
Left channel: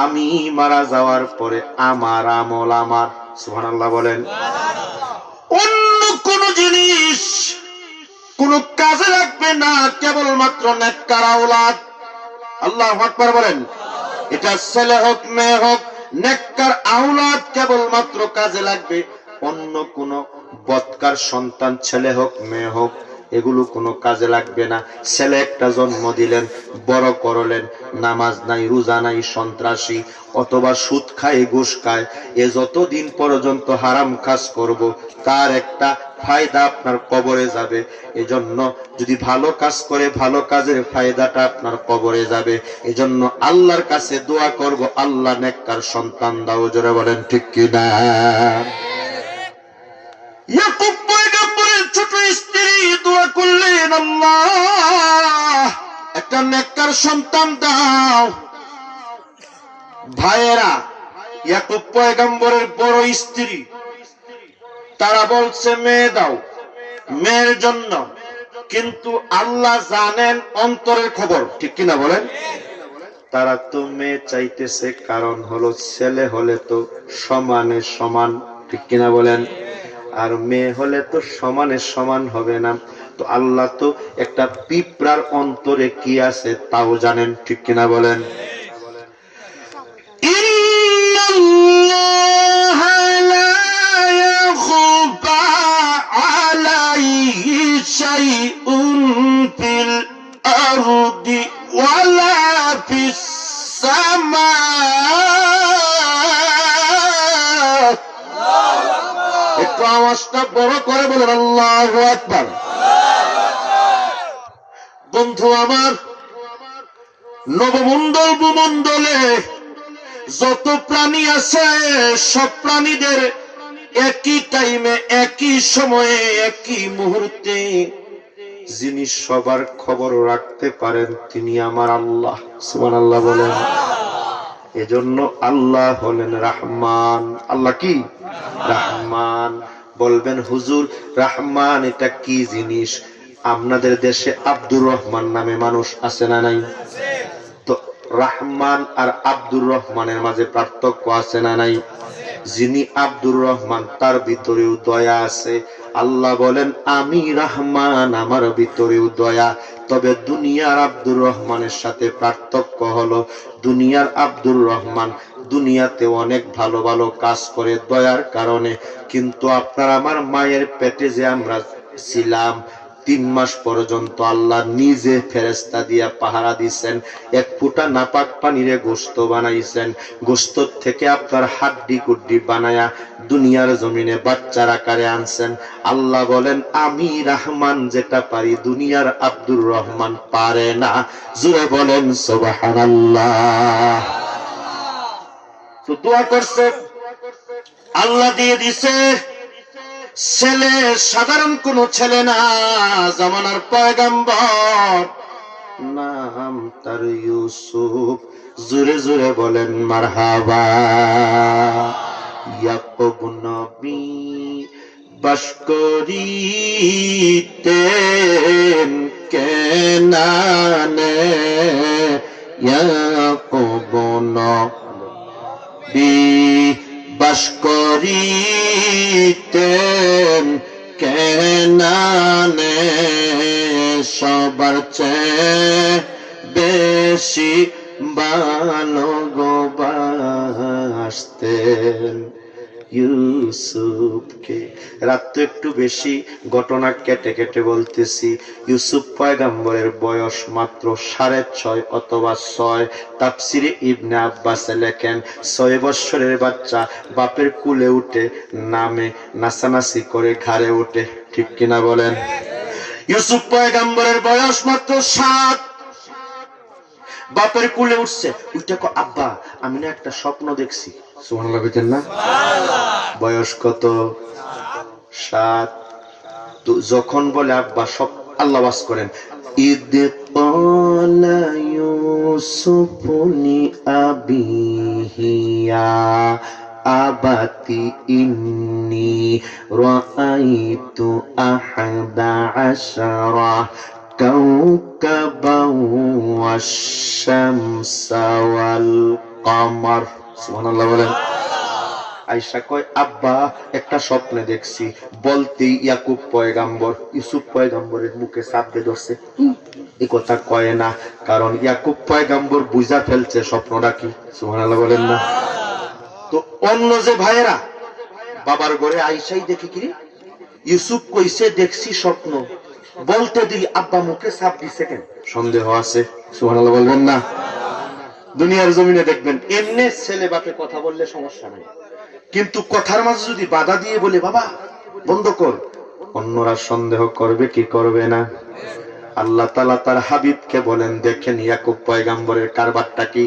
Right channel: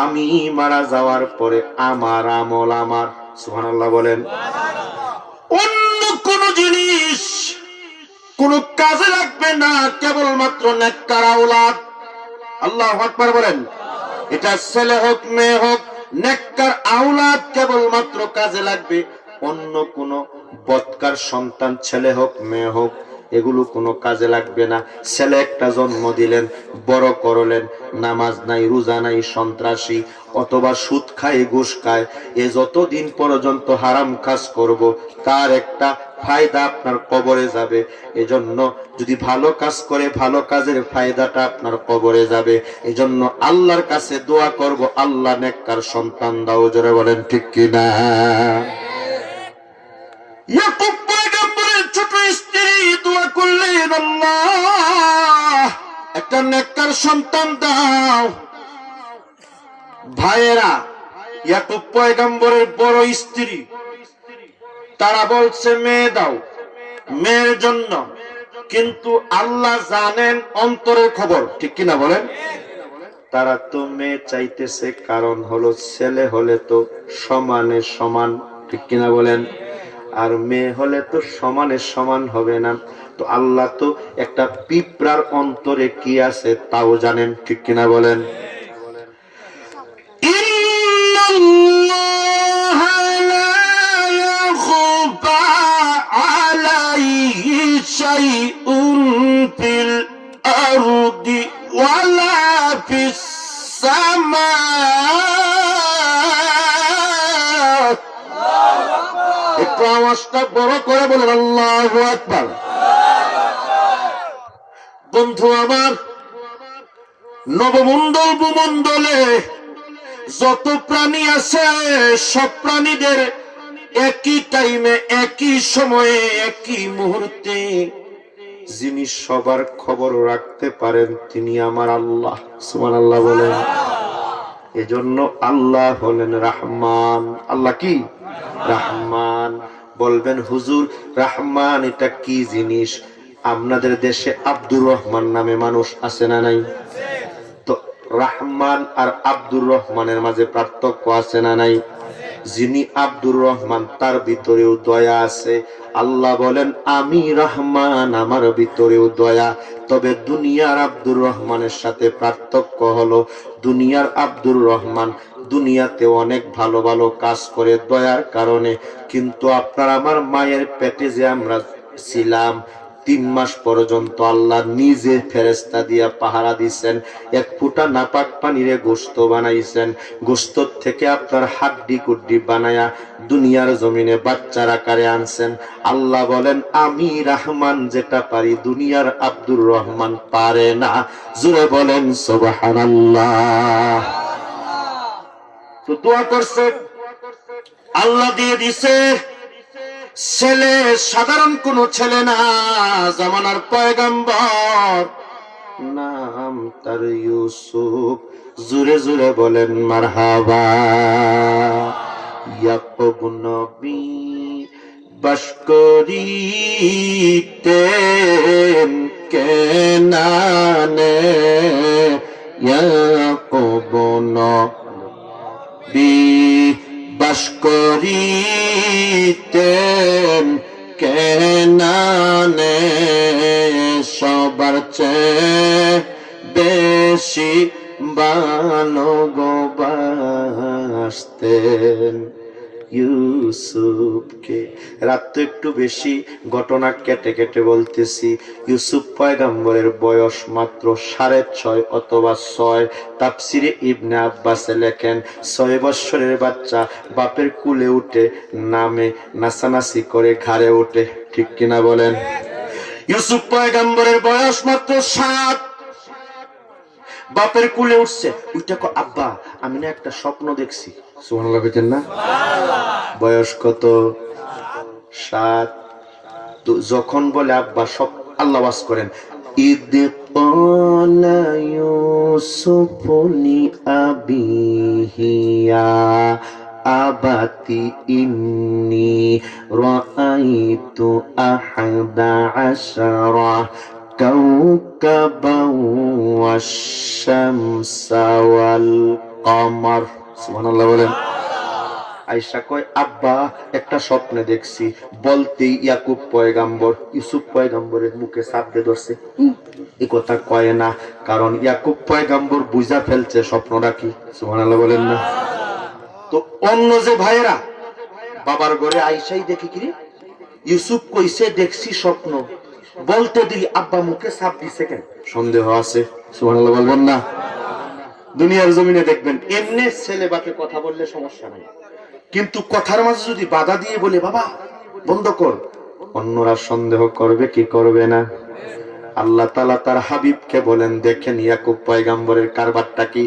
আমি মারা যাওয়ার পরে আমার আমল আমার, সুবহানাল্লাহ বলেন, অন্য কোন জিনিস কোন কাজে লাগবে না, কেবলমাত্র নেককার আওলাদ। আল্লাহু আকবার বলেন। এটা ছেলে হোক মেয়ে হোক, নেককার আওলাদ কেবলমাত্র কাজে লাগবে। অন্য কোন বদকার সন্তান, ছেলে হোক মেয়ে হোক, এগুলো কোনো কাজে লাগবে না। ছেলে একটা জন্ম দিলেন, বড় করলেন, নামাজ নাই, রোজা নাই, সন্ত্রাসী, অথবা সুদ খায়, ঘুষ খায়, এ যতদিন পর্যন্ত হারাম কাজ করব, তার একটা ফায়দা আপনার কবরে যাবে। এজন্য যদি ভালো কাজ করে, ভালো কাজের ফায়দাটা আপনার কবরে যাবে। এজন্য আল্লাহর কাছে দোয়া করব, আল্লাহ নেককার সন্তান দাও। জোরে বলেন ঠিক কিনা? ইয়াকুব পয়গম্বরের ছোট স্ত্রী দোয়া করলেন, আল্লাহ একটা নেককার সন্তান দাও। ভাইয়েরা, ইয়াকুব পয়গম্বরের বড় স্ত্রী, তারা বলছে মেয়ে দাও, মেয়ের জন্য, কিন্তু আল্লাহ জানেন অন্তরের খবর, ঠিক কিনা বলেন? তারা তো মেয়ে চাইতেছে, কারণ হলো ছেলে হলে তো সমানে সমান, ঠিক কিনা বলেন? আর মেয়ে হলে তো সমানে সমান হবে না। তো আল্লাহ তো একটা পিঁপড়ার অন্তরে কি আছে তাও জানেন, ঠিক কিনা বলেন? একটু আওয়াজটা বড় করে বলেন আল্লাহু আকবার। বন্ধু আমার, নবমণ্ডল ভূমণ্ডলে যত প্রাণী আছে সব প্রাণীদের একই টাইমে, একই সময়ে, একই মুহূর্তে যিনি সবার খবর রাখতে পারেন তিনি আমার আল্লাহ। সুবহানাল্লাহ বলেন। এজন্য আল্লাহ হলেন রহমান। আল্লাহ কি? রহমান। বলবেন হুজুর রহমান এটা কি জিনিস? আপনাদের দেশে আব্দুর রহমান নামে মানুষ আছে না নাই? তো রহমান আর আব্দুর রহমানের মাঝে পার্থক্য আছে না নাই? যিনি আব্দুর রহমান তার ভিতরেও দয়া আছে। আল্লাহ বলেন আমি রহমান, আমার ভিতরেও দয়া। তবে দুনিয়ার আব্দুর রহমানের সাথে পার্থক্য হলো, দুনিয়ার আব্দুর রহমান দুনিয়াতে অনেক ভালো ভালো কাজ করে দয়ার কারণে, কিন্তু আপনার আমার মায়ের পেটে যে আমরা ছিলাম 3 মাস পর্যন্ত আল্লাহ নিজে ফেরেশতা দিয়া পাহারা দিচ্ছেন। এক ফুটা নাপাক পানিরে গোশত বানাইছেন, গোশত থেকে আপনার হাড্ডি কুড্ডি বানায়া দুনিয়ার জমিনে বাচ্চার আকারে আনছেন। আল্লাহ বলেন আমি রহমান যেটা পারি দুনিয়ার আব্দুর রহমান পারে না। জোরে বলেন সুবহানাল্লাহ। তো দোয়া করছে, আল্লাহ দিয়ে দিছে ছেলে, সাধারণ কোন ছেলে না, জামানার পয়গম্বর, নাম তার ইউসুফ। জোরে জোরে বলেন মারহাবা। ইয়াকুব নবী বাস করিতেন কেনানে, ইয়াকুব নবী বাস করিতেন কেনানে, সবার চেয়ে বেশি ভালোবাসতেন ইউসুফকে। রাত তো একটু বেশি, ঘটনা কেটে কেটে বলতেছি। ইউসুফ পয়গম্বরের বয়স মাত্র 6.5 অথবা 6। তাফসিরে ইবনে আব্বাস লেখেন 6 বছরের বাচ্চা বাপের কুলে উঠে নামে, নাচানাচি করে ঘাড়ে ওঠে, ঠিক কিনা বলেন? ইউসুফ পয়গম্বরের বয়স মাত্র 7, বাপের কুলে উঠছে। ওইটা আব্বা আমি না একটা স্বপ্ন দেখছি। সুবহানাল্লাহ কইতেন না? বয়স কত? 7। তো যখন বলে আব্বা সব, আল্লাহ ওয়াজ করেন ইদ ক্বালা ইউসুফু লিআবিহি ইয়া আবাতি ইন্নী রাআইতু আহাদা আশরা কাওকাবান ওয়াশ-শামসা ওয়াল কমার। সুবহানাল্লাহ বলেন। আয়েশা কয় আব্বা একটা স্বপ্নে দেখছি। বলতেই ইয়াকুব পয়গম্বর ইউসুফ পয়গম্বরের মুখে চাপ দিয়ে ধরছে। এই কথা কয় না, কারণ ইয়াকুব পয়গম্বর বুঝা ফেলছে স্বপ্নটা কি। সুবহানাল্লাহ বলেন না? তো অন্য যে ভাইয়েরা বাবার ঘরে আয়েশাই দেখি কি ইউসুফ কইছে দেখছি স্বপ্ন, বলতে দিই আব্বা মুখে চাপ দিছে কেন? সন্দেহ আছে। সুবহানাল্লাহ বলবেন না? দুনিয়ার জমিনে দেখবেন এমনি ছেলে বাপে কথা বললে সমস্যা নাই, কিন্তু কথার মাঝে যদি বাধা দিয়ে বলে বাবা বন্ধ কর, অন্যরা সন্দেহ করবে কি করবে না? আল্লাহ তাআলা তার হাবিবকে বলেন দেখেন ইয়াকুব পয়গম্বরের কারবারটা কি।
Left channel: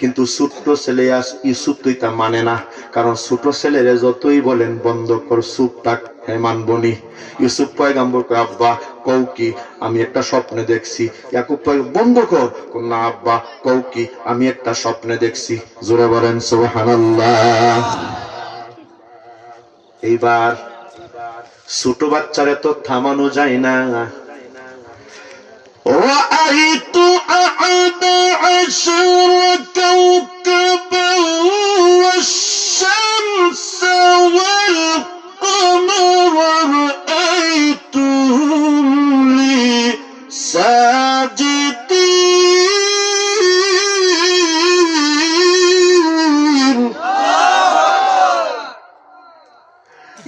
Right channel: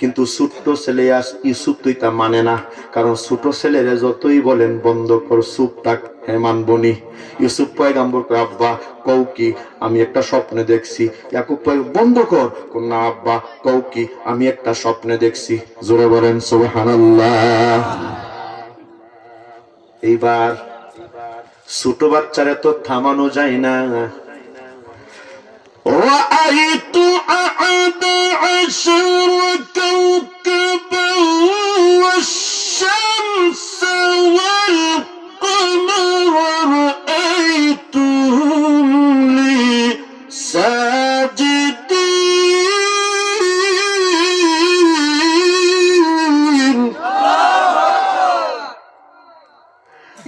কিন্তু ছোট্ট ছেলে ইউসুফ তুই তা মানে না, কারণ ছোট ছেলেরে যতই বলেন বন্ধ কর চুপ থাক, হে মানবনি। ইউসুফ পয়গম্বর কয় আব্বা কও কি, আমি একটা স্বপ্নে দেখছি। ইয়াকুব পয়গম্বর বন্ধ কর, না আব্বা কও কি, আমি একটা স্বপ্নে দেখছি। জোরে বলেন সুবহানাল্লাহ। এইবার ছোট বাচ্চারে তো থামানো যায় না। رأيت أحد عشر كوكبا والشمس والقمر رأيتهم لي ساجدين।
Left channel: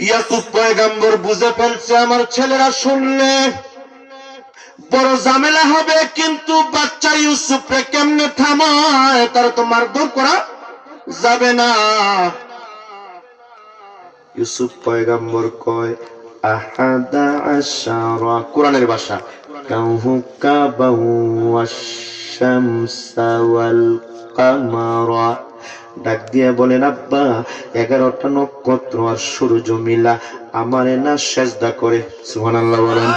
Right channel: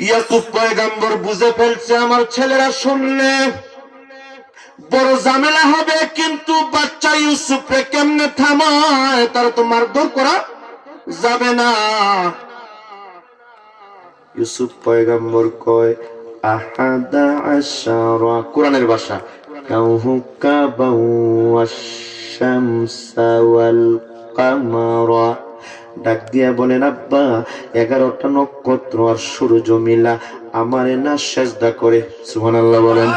ইয়াকুব পয়গম্বর বুঝে ফেলছে আমার ছেলেরা শুনলে বড় ঝামেলা হবে, কিন্তু বাচ্চা ইউসুফকে কেমনে থামায়, তার তো মারধর করা যাবে না। ইউসুফ পয়গম্বর কয় আহাদা আশারা, কোরআনের ভাষা, কাউকাবাও ওয়াশ-শামসা ওয়াল কামারা, ডাক দিয়া বলেন আব্বা 11টা নক্ষত্র আর সূর্য মিলা আমারে না সেজদা করে। সুবহানাল্লাহ বলেন।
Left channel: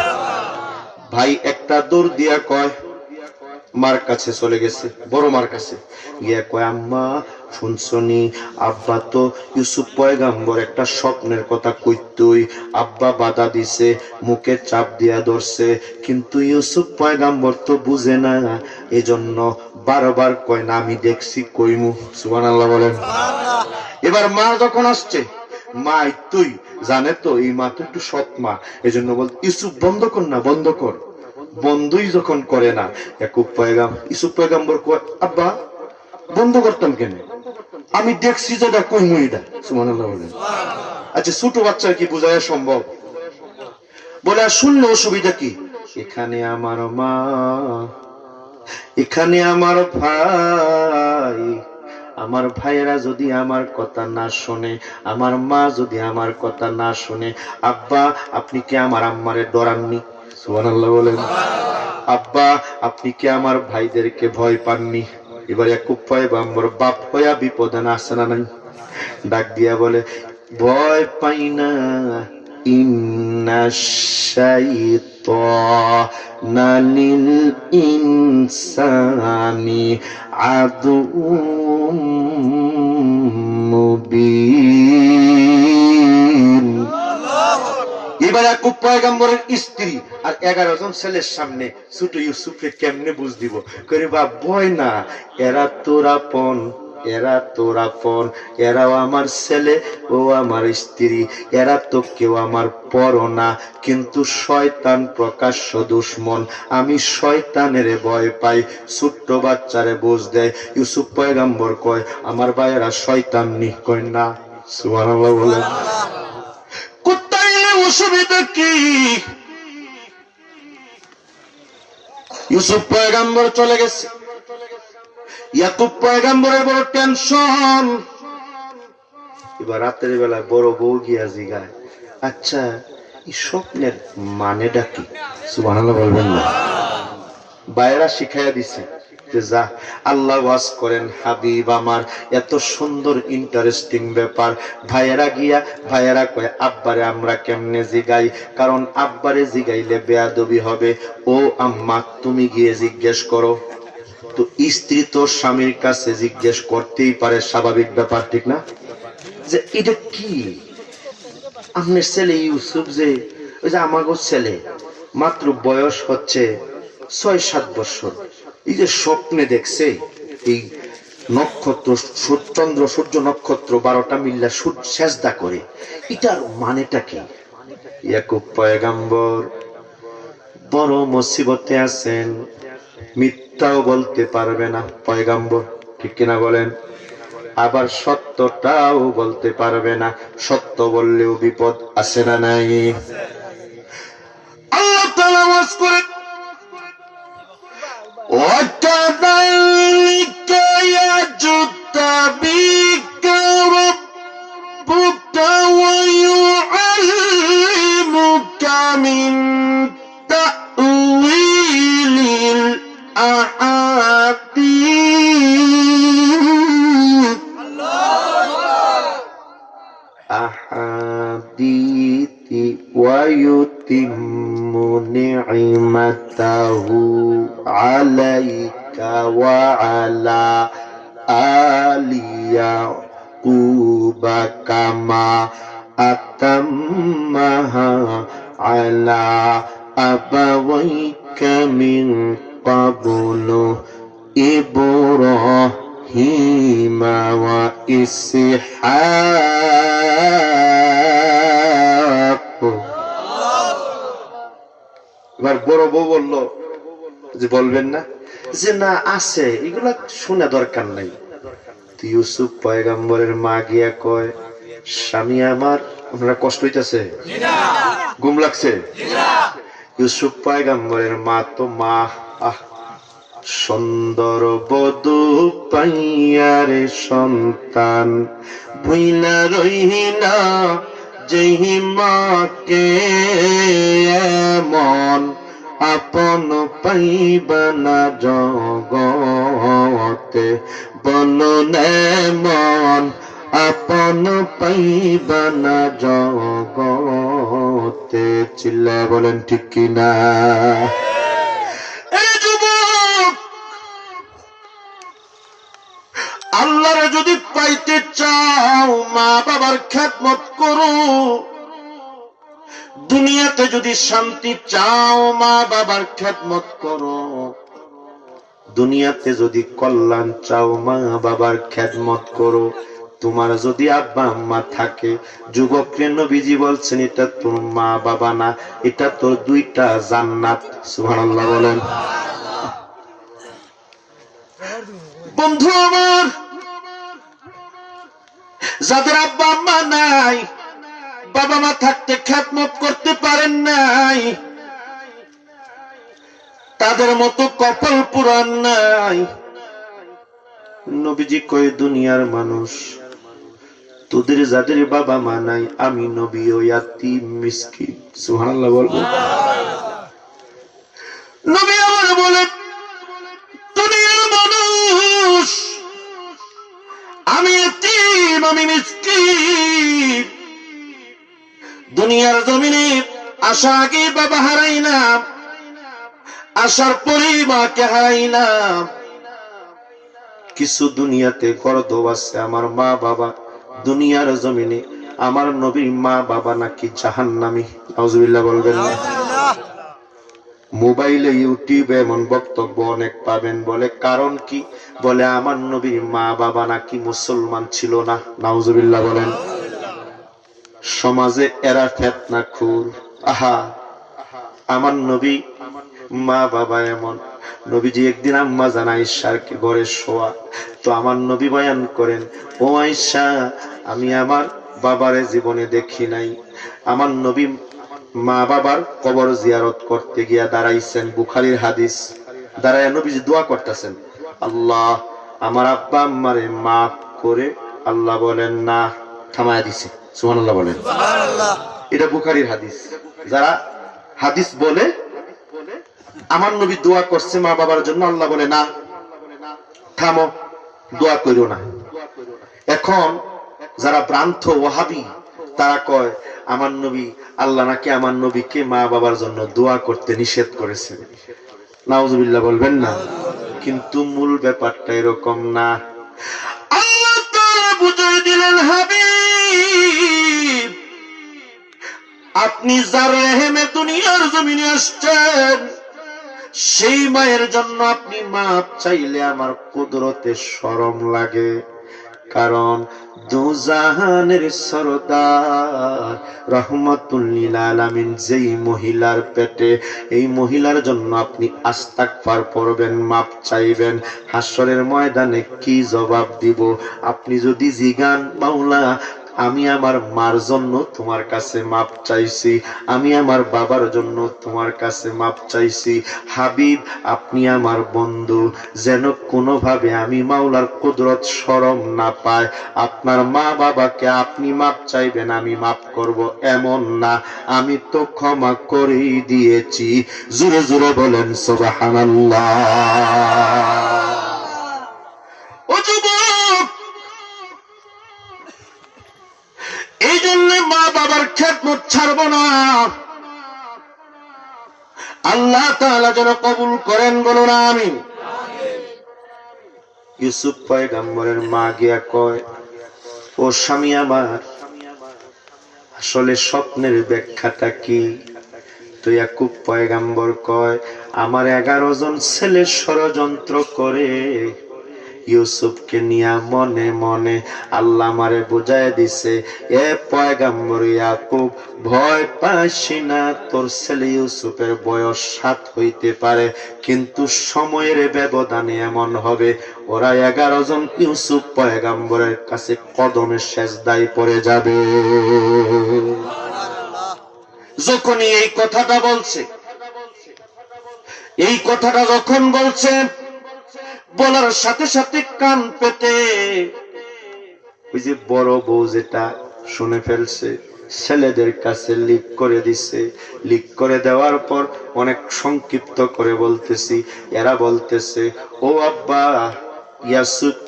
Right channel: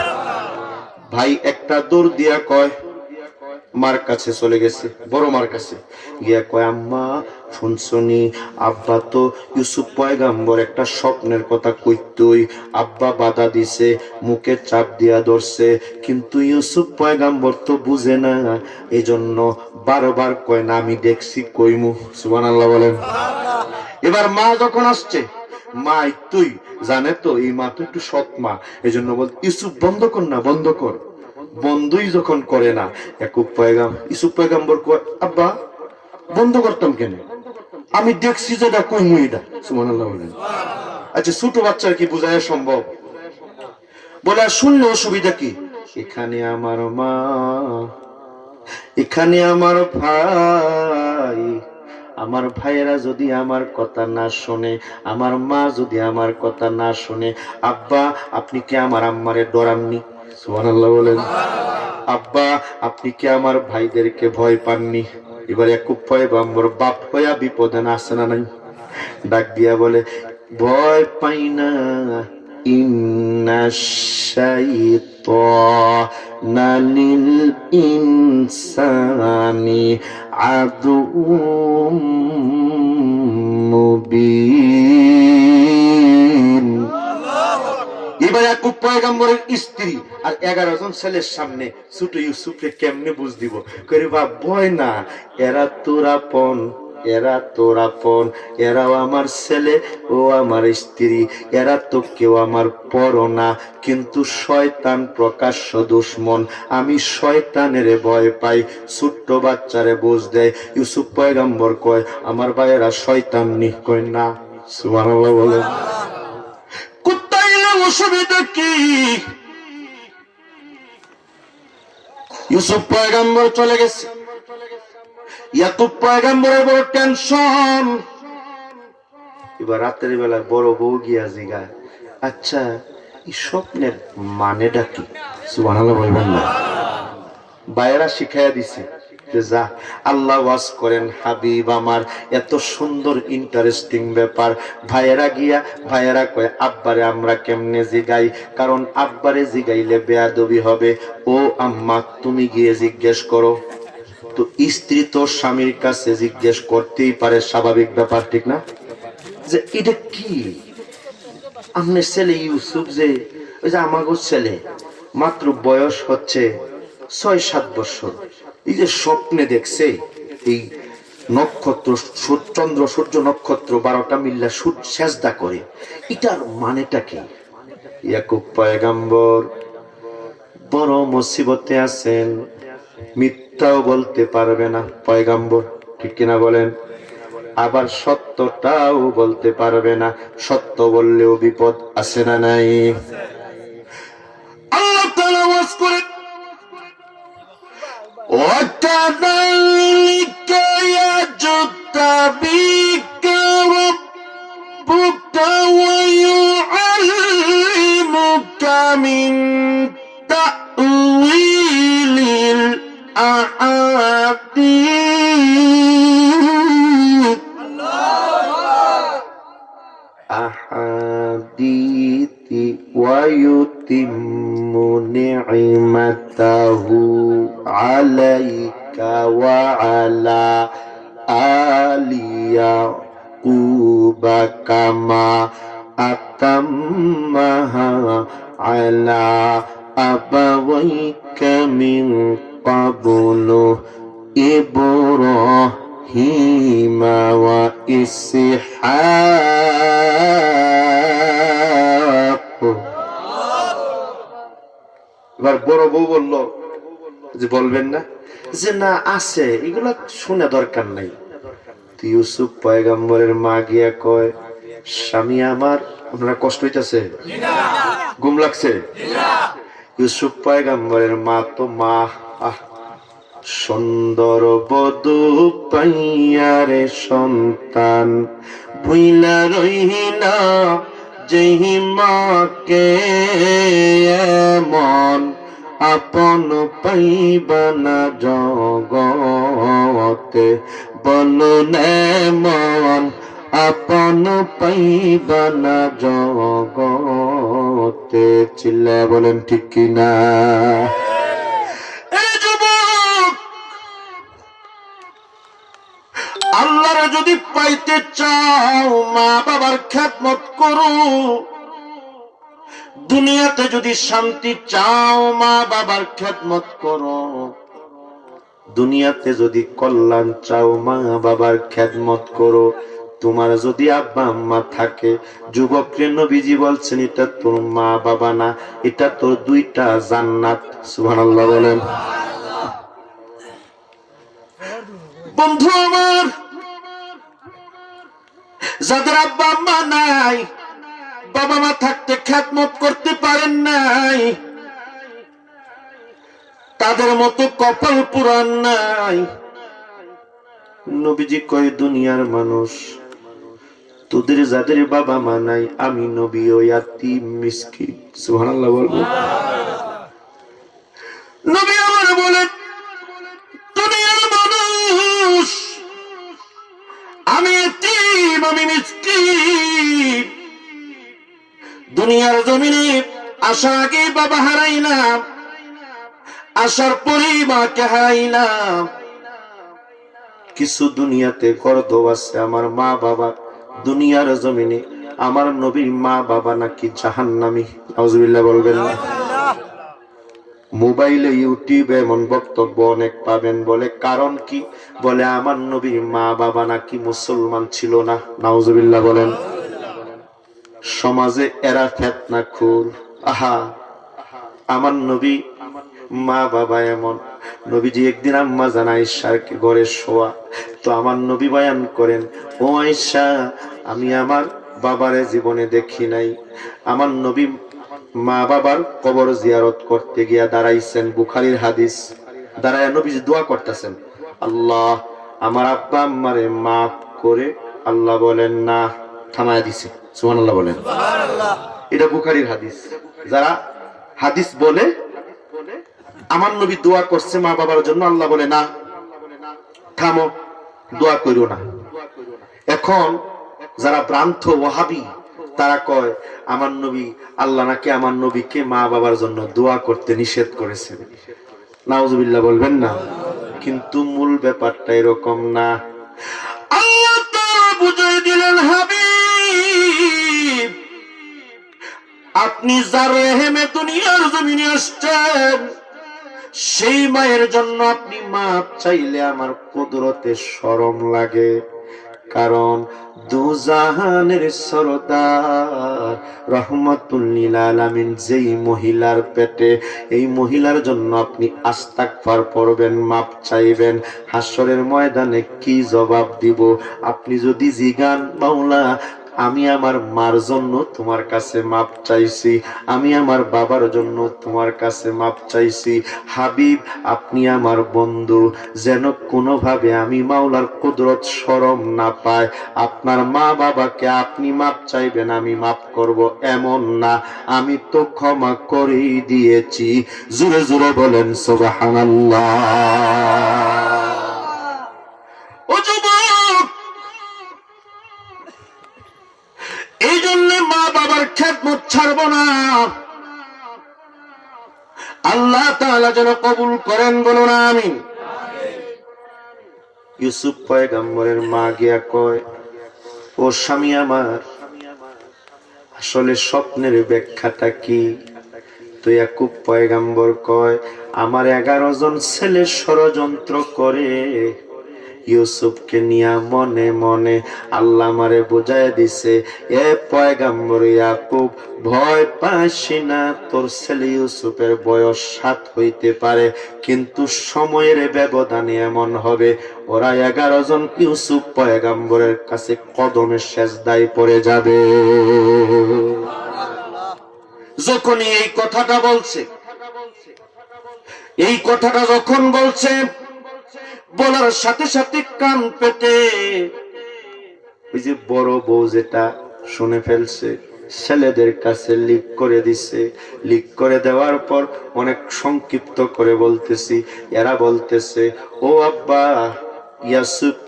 ভাই একটা দৌড় দিয়া কয়, মার কাছে চলে গেছে, বড় মার কাছে গিয়া কয় আম্মা শুনছনি, আব্বা তো ইউসুফ পয়গম্বর একটা স্বপ্নের কথা কইতই, আব্বা বাধা দিছে, মুখে চাপ দিয়া ধরছে, কিন্তু ইউসুফ পয়গম্বর তো বুঝে না, এজন্য বারবার কয় না আমি দেখছি কইমু। সুবহানাল্লাহ বলেন। এবার মা যখন আসছে, মা তুই জানে তো এই মা তো একটু সৎ মা, এজন্য বল ইউসুফ বন্ধ কর না, বন্ধ কর। বন্ধই যখন করে না, ইউসুফ পয়গম্বর কয় আব্বা বন্ধ করতাম কেন, আমি দেখছি যেটা কইমু এটা। সুবহানাল্লাহ বলেন। আচ্ছা ছোট বাচ্চার কি বোঝায় সম্ভব? বলে শুনলে অসুবিধা কি? এখানে আমার মা, এখানে আমার ভাই, আমার ভাইয়েরা যদি আমার কথা না শুনে, আমার মা যদি আমার কথা না শুনে, আব্বা আপনি কি আমার আম্মারে ডরাননি? সুবহানাল্লাহ বলেন। আব্বা আপনি কি আমার ভাইদেরকে ভয় পাননি? এবার ইয়াকুব পয়গম্বর বাপ হইয়া বিপদে না আছে না নাই? ডাক দিয়া বলে ভয় পাই না, ইন্নাশ শাইতানা লিল ইনসানি আদুউম মুবিন। এবার ইয়াকুব পয়গম্বরের স্ত্রী আর 11 জন ছেলের সামনে ছোট ইউসুফকে কেমনে বুঝ দিব, করে বা ভয় না, এরা তোর আপন, এরা তোর আপন, এরাও আমার ছেলে ও আমার স্ত্রী, এরা তো কেউ আমার পর না, কিন্তু শয়তান প্রকাশ্য দুশমন, আমি শয়তানের ভয় পাই। ছোট্ট বাচ্চারে বুঝ দেয়। ইউসুফ পয়গম্বর কয় আমার ভাইয়েরা শয়তান নি, কয় না। সুবহানাল্লাহ বলেন। অসুবিধা কি? ইউসুফ পয়গম্বর চলে গেছে, ইয়াকুব পয়গম্বরের বড় টেনশন। এবার রাতের বেলায় বড় বউ গিয়া জিগায় আচ্ছা এই স্বপ্নের মানেটা কি? সুবহানাল্লাহ বলবেন না? বাইরা শিখাইয়া দিছে যে যা আল্লাহ ওয়াজ করেন হাবিব আমার, এত সুন্দর ইন্টারেস্টিং ব্যাপার। ভাইয়েরা গিয়া ভাইয়েরা কয় আব্বারে আমরা কেমনে জিগাই, কারণ আব্বারে জিগাইলে বেয়াদবি হবে। ও আম্মা তুমি গিয়ে জিজ্ঞেস করো। তো স্ত্রী তো স্বামীর কাছে জিজ্ঞেস করতেই পারে, স্বাভাবিক ব্যাপার, ঠিক না? যে এটা কি আপনার ছেলে ইউসুফ, যে ওই যে আমাগো ছেলে মাত্র বয়স হচ্ছে 6-7 বছর, এই যে স্বপ্নে দেখছে এই নক্ষত্র চন্দ্র সূর্য নক্ষত্র 12টা মিল্লা সেজদা করে, এটার মানেটা কি? ইয়াকুব পয়গম্বর বড় মুসিবতে আছেন, মিথ্যাও বলতে পারবে না পয়গম্বর, ঠিক কিনা বলেন? আবার সত্যটাও বলতে পারবে না, সত্য বললেও বিপদ আছে না নাই? আল্লাহ তাআলা ওয়াজ করে وَكَذَلِكَ يَجْتَبِيكَ رَبُّكَ وَيُعَلِّمُكَ مِن تَأْوِيلِ الْأَحَادِيثِ وَيُتِمُّ نِعْمَتَهُ عَلَيْكَ وَعَلَى آلِ يَعْقُوبَ كَمَا আতাম্মাহা আলা আবাওয়াইকা মিন ক্বাবলু ইব্রাহিমা ওয়া ইসহাক। এবার বড় বউ বলল যে বলবেন না, যে না আছে, এগুলা শুনে দরকার নাই। ইউসুফ পয়গম্বরের মা গিয়া কয়, স্বামী আমার, আপনারা কষ্ট হইতেছে, ঘুম লাগছে? ইউসুফ পয়গম্বরের মা তো মা, সুন্দর বধূ পাইয়ারে সন্তান ভুইলা রহিনা যেহি মাকে এমন আপন পাইবানা জগতে, বলুন এমন আপন পাইবানা জগতে। চিল্লা বলেন ঠিক কিনা? আল্লাহর যদি পাইতে চাও মা বাবার খেদমত করো। দুনিয়াতে যদি শান্তি চাও মা বাবার খেদমত করো। দুনিয়াতে যদি কল্যাণ চাও মা বাবার খেদমত করো। তোমার যদি আব্বা আম্মা থাকে, যুবকরে নবীজি বলছেন এটা তোর মা বাবা না, এটা তোর দুইটা জান্নাত। সুবহানাল্লাহ বলেন। বন্ধু আমার, যাদের আব্বা আম্মা নাই, বাবা মা থাকতে খেদমত করতে পারেন নাই, তাদের মতো কপাল পুরান নাই। নবীজি কয়, দুনিয়ার মানুষ, তোদের যাদের বাবা মা নাই, আমি নবী ও ইয়াতীম মিসকিন। সুবহানাল্লাহ বলবো। নবী আমার বলেন, দুনিয়ার মানুষ, আমি ইয়াতীম, আমি মিসকিন। দুনিয়ার জমিনে আসা আগে বাবা হারাইলাম, আসার পরে মাকে হারাইলাম। কিছু দুনিয়াতে গর্দভ আছে আমার মা বাবা, দুনিয়ার জমিনে আমার নবীর মা বাবা নাকি জাহান্নামী। নাউজুবিল্লাহ বলবেন না? মোবাইলে ইউটিউবে এমন বক্তব্য অনেক পাবেন, বলে কারণ কি? বলে আমার নবীর মা বাবা নাকি মুসলমান ছিল না। নাউজুবিল্লাহ বলেন। সমাজে এরা ফিতনাখোর। আহা, আমার নবী মা বাবা এমন। নবীজি একদিন আম্মা জান আয়েশার ঘরে শোয়া, তো আমার নবী বয়ান করেন, ও আয়েশা, আমি আমার বাবারে জীবনে দেখি নাই। আমার নবী মা বাবার কবর জিয়ারত করতে গিয়া দাঁড়াইছেন, বুখারীর হাদিস। দাঁড়ায় নবীজি দোয়া করতেছেন, আল্লাহ আমার আব্বা আম্মারে মাফ করে। আল্লাহ বলেন না, থামায় দিছে। সুবহানাল্লাহ বলেন। এটা বুখারীর হাদিস। যারা হাদিস বলে আমার নবী দোয়া করছে মা বাবার জন্য, আল্লাহ বলে না, থামো, দোয়া করিও না। এখন যারা ভ্রান্ত ওয়াহাবি, তারা কয় আমার নবী, আল্লাহ নাকি আমার নবীকে মা বাবার জন্য দোয়া করতে নিষেধ করেছে। নাউজুবিল্লাহ বলবেন না? কিন্তু মূল ব্যাপারটা এরকম না। আল্লাহ তাআলা বুঝিয়ে দিলেন, হাবিব, আপনি যার রেহেমে দুনিয়ার জমিনে আসছেন, সেই মায়ের জন্য আপনি মাপ চাইলে আমার কুদরতে শরম লাগে। কারণ দুজাহানের সরদার রহমাতুল লিল আলামিন যেই মহিলার পেটে, এই মহিলার জন্য আপনি আস্তাগফার পড়বেন, মাপ চাইবেন, হাসরের ময়দানে কি জবাব দিব? আপনি যদি জিগান, মাওলা আমি আমার মার জন্য তোমার কাছে মাপ চাইছি, আমি আমার বাবার জন্য তোমার কাছে মাপ চাইছি, হাবিব আপনি আমার বন্ধু, যেন কোনোভাবে আমি মাওলার কুদরত শরম না পায়। আপনার মা বাবাকে আপনি মাপ চাইবেন, আমি মাপ করব এমন না, আমি তো ক্ষমা করেই দিয়েছি। জোরে জোরে বলেন সুবহানাল্লাহ। ও যুবক, এই জন্য মা বাবার খেদমত ছাড়ব না। আল্লাহ তাআলা যেন কবুল করেন, বলুন আমিন। ইউসুফ পয়গম্বরের মা গিয়া কয়, ও স্বামী আমার, আসলে স্বপ্নের ব্যাখ্যাটা কি? তো ইয়াকুব পয়গাম্বর কয়, আমার 11 জন ছেলে ষড়যন্ত্র করে ইউসুফকে নিয়া মনে মনে আল্লাহ আমারে বুঝায় দিছে, এ পয়গাম্বর ইয়াকুব, ভয় পাইস না, তোর ছেলে ইউসুফের বয়স 7 হইতে পারে, কিন্তু সময়ের ব্যবধানে এমন হবে ওরা 11 জন ইউসুফ পয়গাম্বরের কাছে কদমে সেজদায় পড়ে যাবে। যখনই এই কথাটা বলছে, এই কথাটা যখন বলছে, বলার সাথে সাথে কান পেতে ওই যে বড় বউ যেটা শুনে ফেলছে, ছেলেদের কাছে লিক করে দিছে। লিক করে দেওয়ার পর অনেক সংক্ষিপ্ত করে বলতেছি, এরা বলতেছে, ও আব্বা,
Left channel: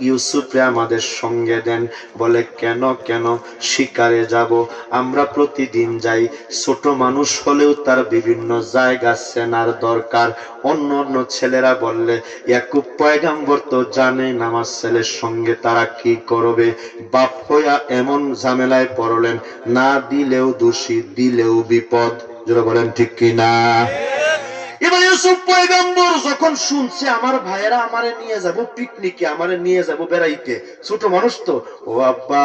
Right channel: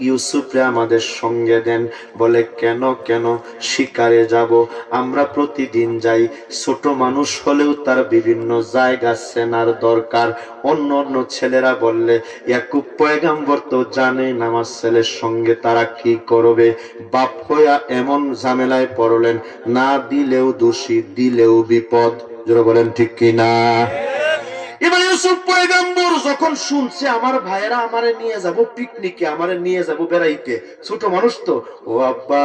ইউসুফরে আমাদের সঙ্গে দেন। বলে কেন? কেন? শিকারে যাব, আমরা প্রতিদিন যাই, ছোট মানুষ হলেও তার বিভিন্ন জায়গা চেনার দরকার। অন্য অন্য ছেলেরা বললে, ইয়াকুব পয়গাম্বর তো জানেন আমার ছেলের সঙ্গে তারা কি করবে। বাপ হইয়া এমন ঝামেলায় পড়লেন, না দিলেও দোষী, দিলেও বিপদ। যারা বলেন ঠিক কিনা? এবার ইউসুফ পয়গাম্বর যখন শুনছে আমার ভাইয়েরা আমারে নিয়ে যাব পিকনিকে, আমারে নিয়ে যাব বেড়াইতে, ছোট মানুষ তো, ও আব্বা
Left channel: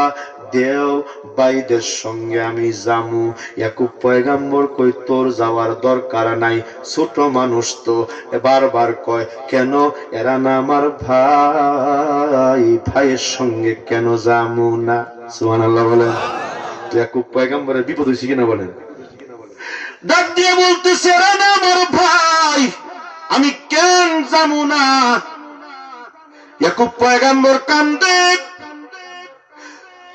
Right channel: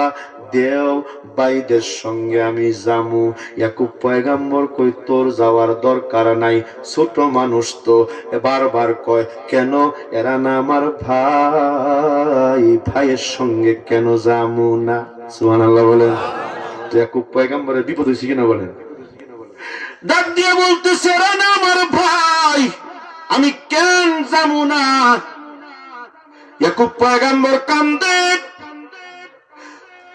দেও, ভাইদের সঙ্গে আমি যামু। ইয়াকুব পয়গাম্বর কই, তোর যাওয়ার দরকার নাই, ছোট মানুষ তো। বারবার কয়, কেন? এরা না আমার ভাই, ভাইয়ের সঙ্গে কেন যামু না? সুবহানাল্লাহ বলেন। ইয়াকুব পয়গাম্বরের বিপদ হয়েছে কিনা বলেন? ডাক দিয়ে বলতেছে, এরা না আমার ভাই, আমি কেন যাবো না? ইয়াকুব পয়গাম্বর কান্দে।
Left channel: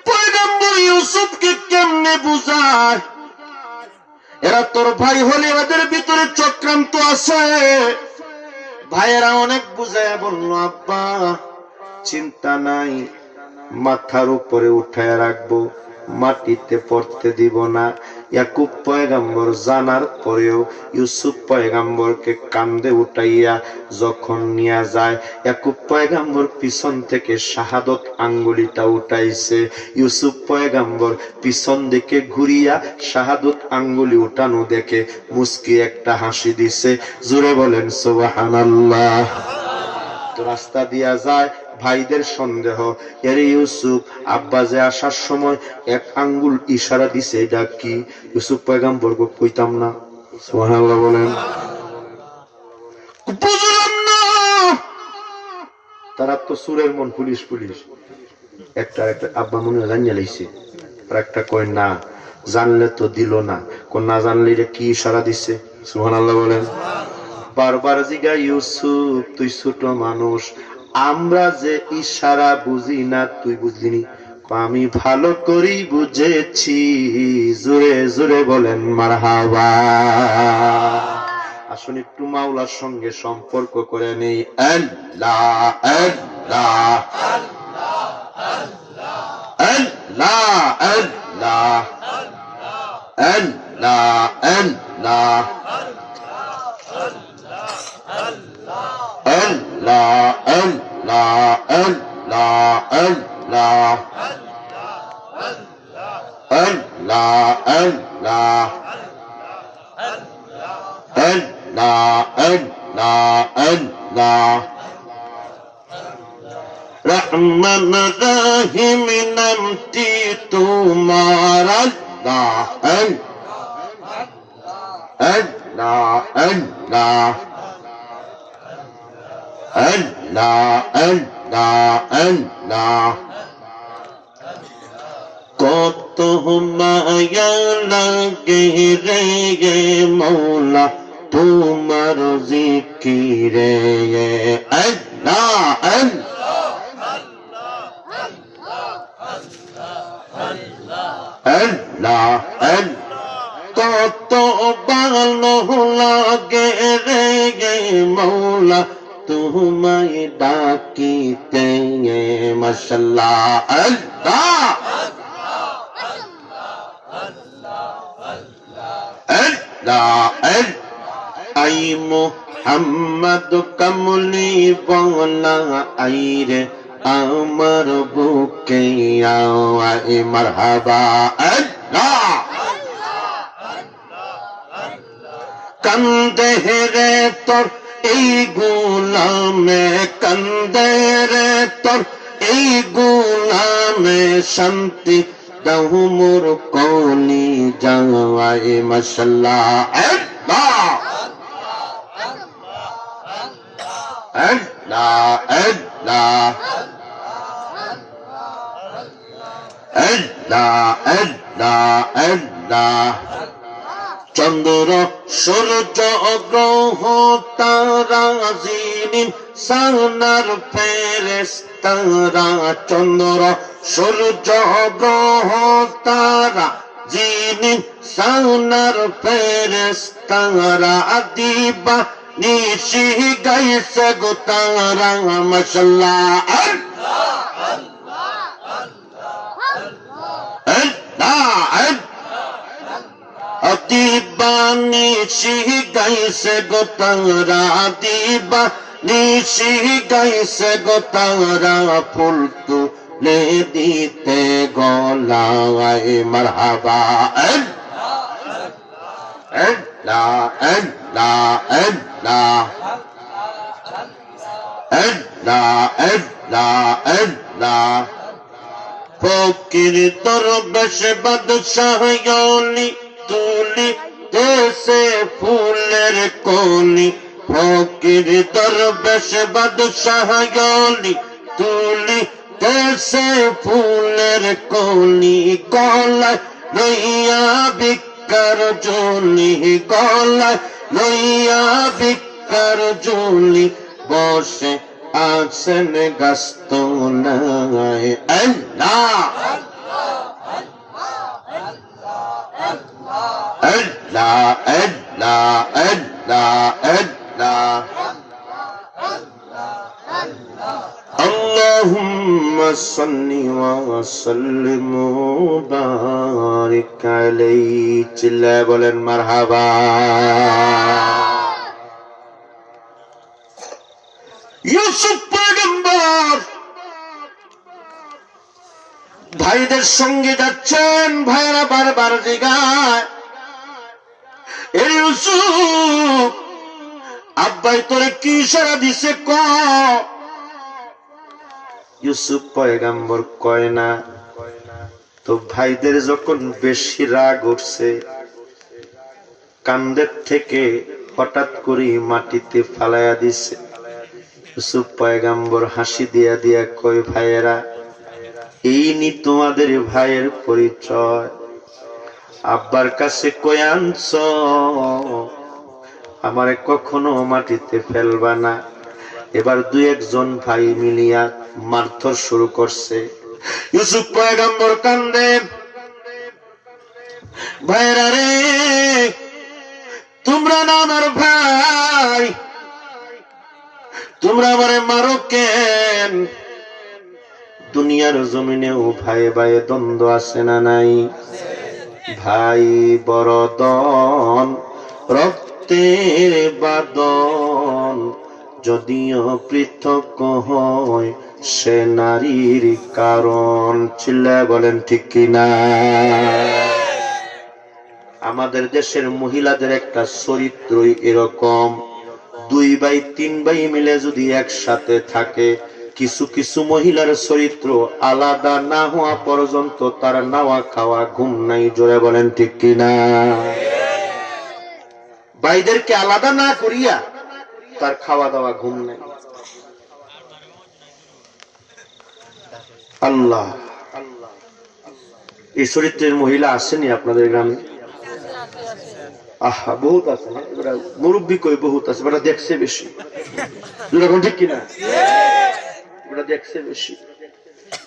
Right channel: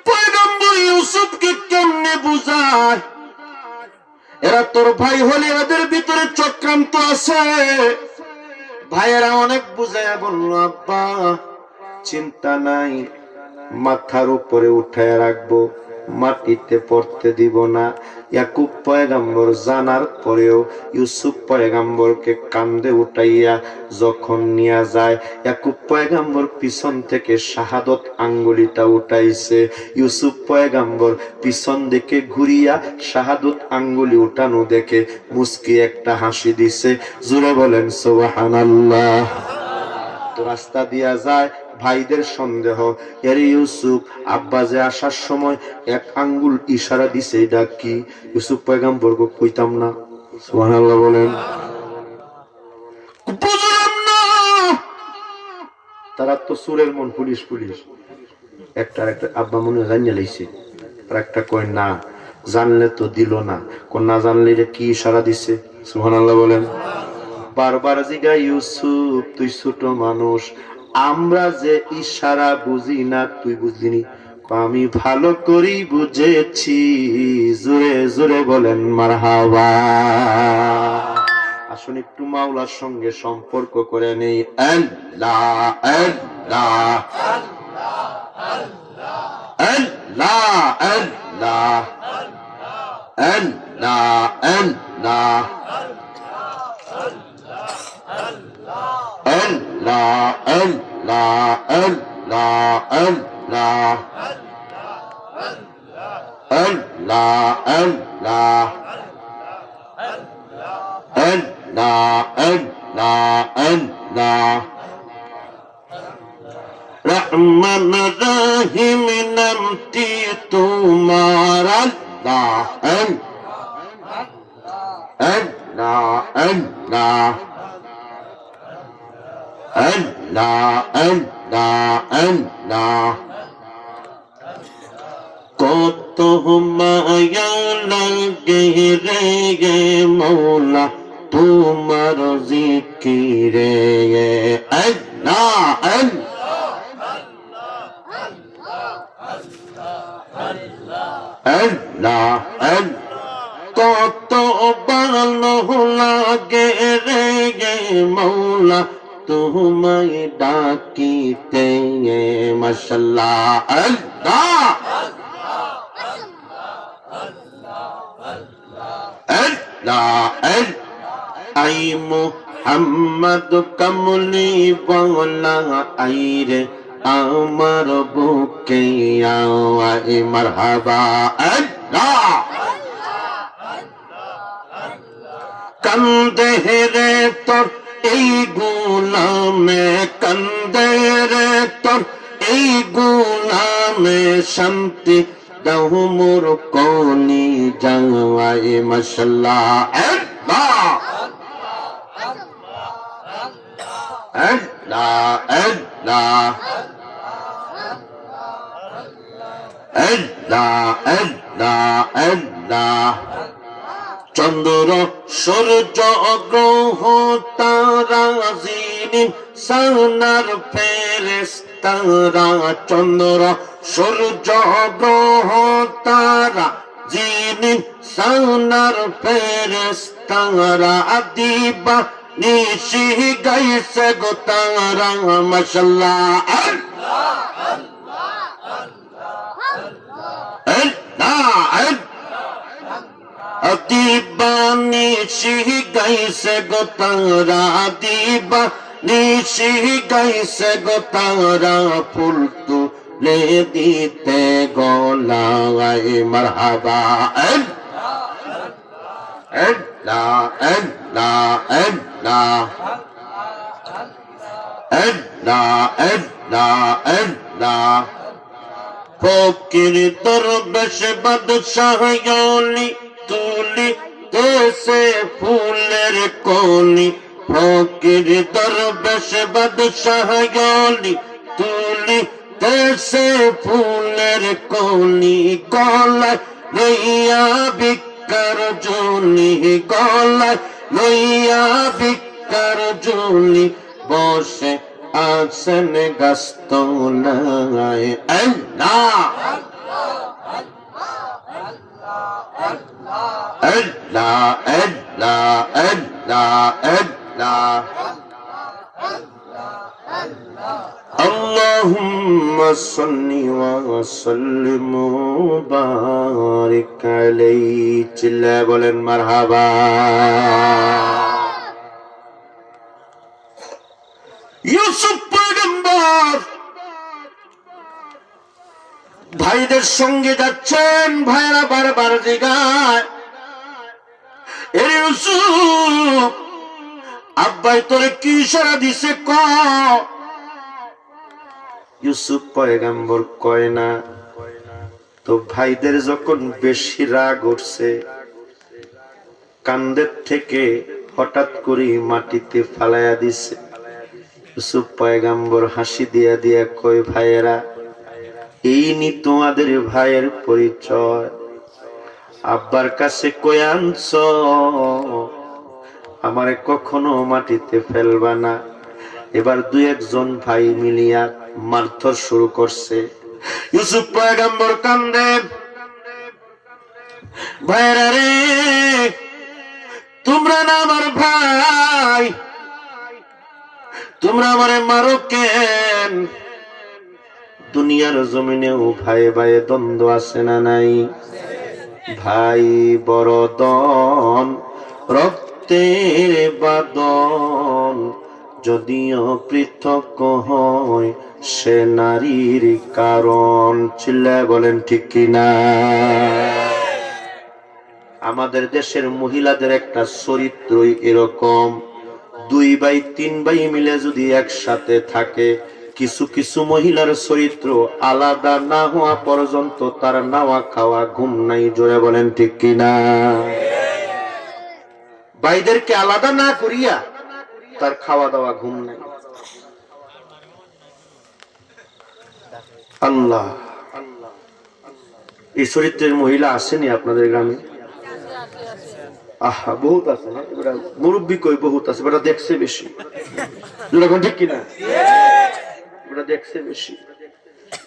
পয়গাম্বর ইউসুফকে কেমনে বুঝায়, এরা তোর ভাই হলে এদের ভিতরে চক্রান্ত আছে। ভাইয়েরা অনেক বুঝায় বলল, আব্বা চিন্তা নাই, মাথার উপরে উঠায় রাখবো, মাটিতে পড়তে দিব না। ইয়াকুব পয়গাম্বর জানার পরেও ইউসুফ পয়গাম্বরকে কান্দে উঠাইয়া যখন নিয়ে যায়, ইয়াকুব পয়গাম্বর পিছন থেকে শাহাদত আঙ্গুলিটা উঠাইছে। ইউসুফ পয়গাম্বর পিছন দিকে ঘুরিয়া শাহাদত আঙ্গুলি উঠানো দেখে মুস্কি একটা হাসি দিছে। জোরে বলেন সুবহানাল্লাহ। তো রাস্তা দিয়া যায়, ভাইদের সন্দেহ, এর ইউসুফ আব্বা যে আসার সময় এক আঙ্গুল ইশারা দিছে, এটা কি? ইউসুফ পয়গাম্বর কইতাম না। সুবহানাল্লাহ বলেন। বুঝলাম না, তারা তো সুরের মন, পুলিশ পুলিশ। একটা আব্বা মনে জানিয়ে লাইছে, আর একটা কয় না, জানলে তো দিল না, কোন না জানলে এটা কি ইশারা দিছে? সুবহানাল্লাহ বলেন। বারবার জিগা, ইউসুফ তুই ছোট মানুষ, আমরা যে ইশারা বুঝি না তুই বুঝলিনি? আমি ভালো করি বুঝেছি। জোরে জোরে বলেন মারহাবা। আসুন একটু মাওলার সঙ্গে সম্পর্ক করে নেই। আল্লাহ আল্লাহ আল্লাহ আল্লাহ আল্লাহ আল্লাহ Allah, Allah, Allah, Allah, Allah, Allah, Allah, Allah, Allah. Rahman Rahim namti tumhar Allah, Allah, Allah. Allah, Allah, Allah, কত মায়া লাগে রে মৌলা তোমার জিকিরে। আল্লাহ আল্লাহ কত ভালো লাগে রে মৌলা তোমায় ডাকিতে। মাশাআল্লাহ আল্লাহ আল্লাহ আই মুহাম্মদ কমলি বাংলা আইরে আমার বুকে আওয়াই মারহাবা। আল্লাহ কান্দে রে তোর এই গুনামে, কান্দে রে তোর এই গুনামে, শান্তি দাও মোর কলি জাওয়ায় মাশাআল্লাহ। আল্লাহ আল্লাহ আল্লাহ আল্লাহ আল্লাহ আল্লাহ। চন্দ্র সূর্য গ্রহ তারা জিনিন সানার ফেরেশতারা, চন্দ্র সূর্য গ্রহ তারা জিনিন সানার ফেরেশতারা, দিবা নিশি গাইছে গো তারা মাশাআল্লাহ। দিবা নিশি গাইছে গো তারা, দিবা নিশি গাইছে গো তারা, ফুল তুলে দিতে গলায় মারহাবা। আল্লাহ আল্লাহ আল্লাহ আল্লাহ আল্লাহ আল্লাহ। ফকির দরবেশ বাদশাহ ওলি তুলি দেশে ফুলের কলি, ফকির দরবেশ বাদশাহ ওলি তুলি দেশে ফুলের কলি, গলায় লইয়া ভিক্ষার ঝুলি, গলায় লইয়া ভিক্ষার ঝুলি, বসে আছেন গাছতলায়। আল্লাহ আল্লাহ আল্লাহ আল্লাহ আল্লাহ। আল্লাহুম্মা সাল্লি ওয়া সাল্লিম ওয়া বারিক আলাইহি। চিল্লায়ে বলেন মারহাবা। ইউসুফ পয়গম্বর ভাইদের সঙ্গে যাচ্ছেন, ভাইরা বারবার জিগায়, এ ইউসুফ আব্বাই তোরে কি ইশারা দিছে ক। ইউসুফ পয়গম্বর কয় না। তো ভাইদের যখন বেশি রাগ উঠছে, কান্দের থেকে হঠাৎ করে মাটিতে ফালাইয়া দিছে। ইউসুফ পয়গম্বর হাসি দিয়া দিয়া কয়, ভাইয়েরা এই নি তোমাদের ভাইয়ের পরিচয়, আব্বার কাছে কই আনছ, আমারে কখনো মাটিতে ফেলবা না। এবার দুই একজন ভাই মিলিয়া মারধর শুরু করছে। ইউসুফ পয়গম্বর কান্দে, ভাইয়েরা রে তোমরা না আমার ভাই, তোমরা আমারে মারো কেন? দুনিয়ার জমিনেও ভাই ভাই দ্বন্দ্ব আছে না নাই? ভাই বরদন রক্তের বাদন, যদিও পৃথক হয় সে নারীর কারণ। চিল্লায় বলেন ঠিক কিনা? আমাদের দেশের মহিলাদের একটা চরিত্রই এরকম, দুই ভাই তিন ভাই মিলে যদি একসাথে থাকে, কিছু কিছু মহিলার চরিত্র আলাদা না হওয়া পর্যন্ত তার নাওয়া খাওয়া ঘুম নাই। জোরে বলেন ঠিক কিনা? ভাইদেরকে আলাদা না করিয়া তার খাওয়া দাওয়া ঘুম নাই। আল্লাহ, এই চরিত্রের মহিলা আসেনি আপনাদের গ্রামে? আহা, বহুত আছে না? মুরব্বী কই বহুত আছে, বেটা দেখছে বেশি। যেরকম ঠিক কিনা? বেটা দেখছে বেশি,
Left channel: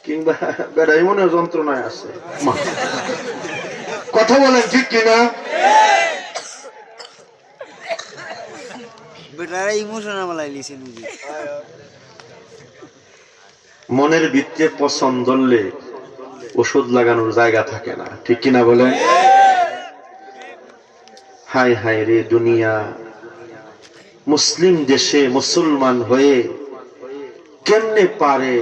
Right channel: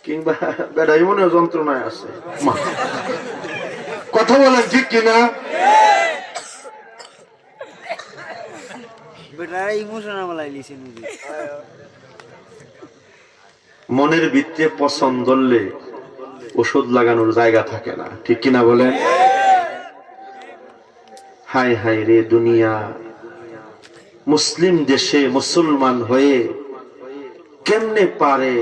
কিংবা বেটা এমন যন্ত্রণায় আছে। কথা বলেন ঠিক কিনা? মনের ভিতরে পছন্দ হলে ওষুধ লাগানোর জায়গা থাকে না, ঠিক কিনা বলেন? হায় হায় রে দুনিয়া, মুসলিম দেশে মুসলমান হয়ে কেমনে পারে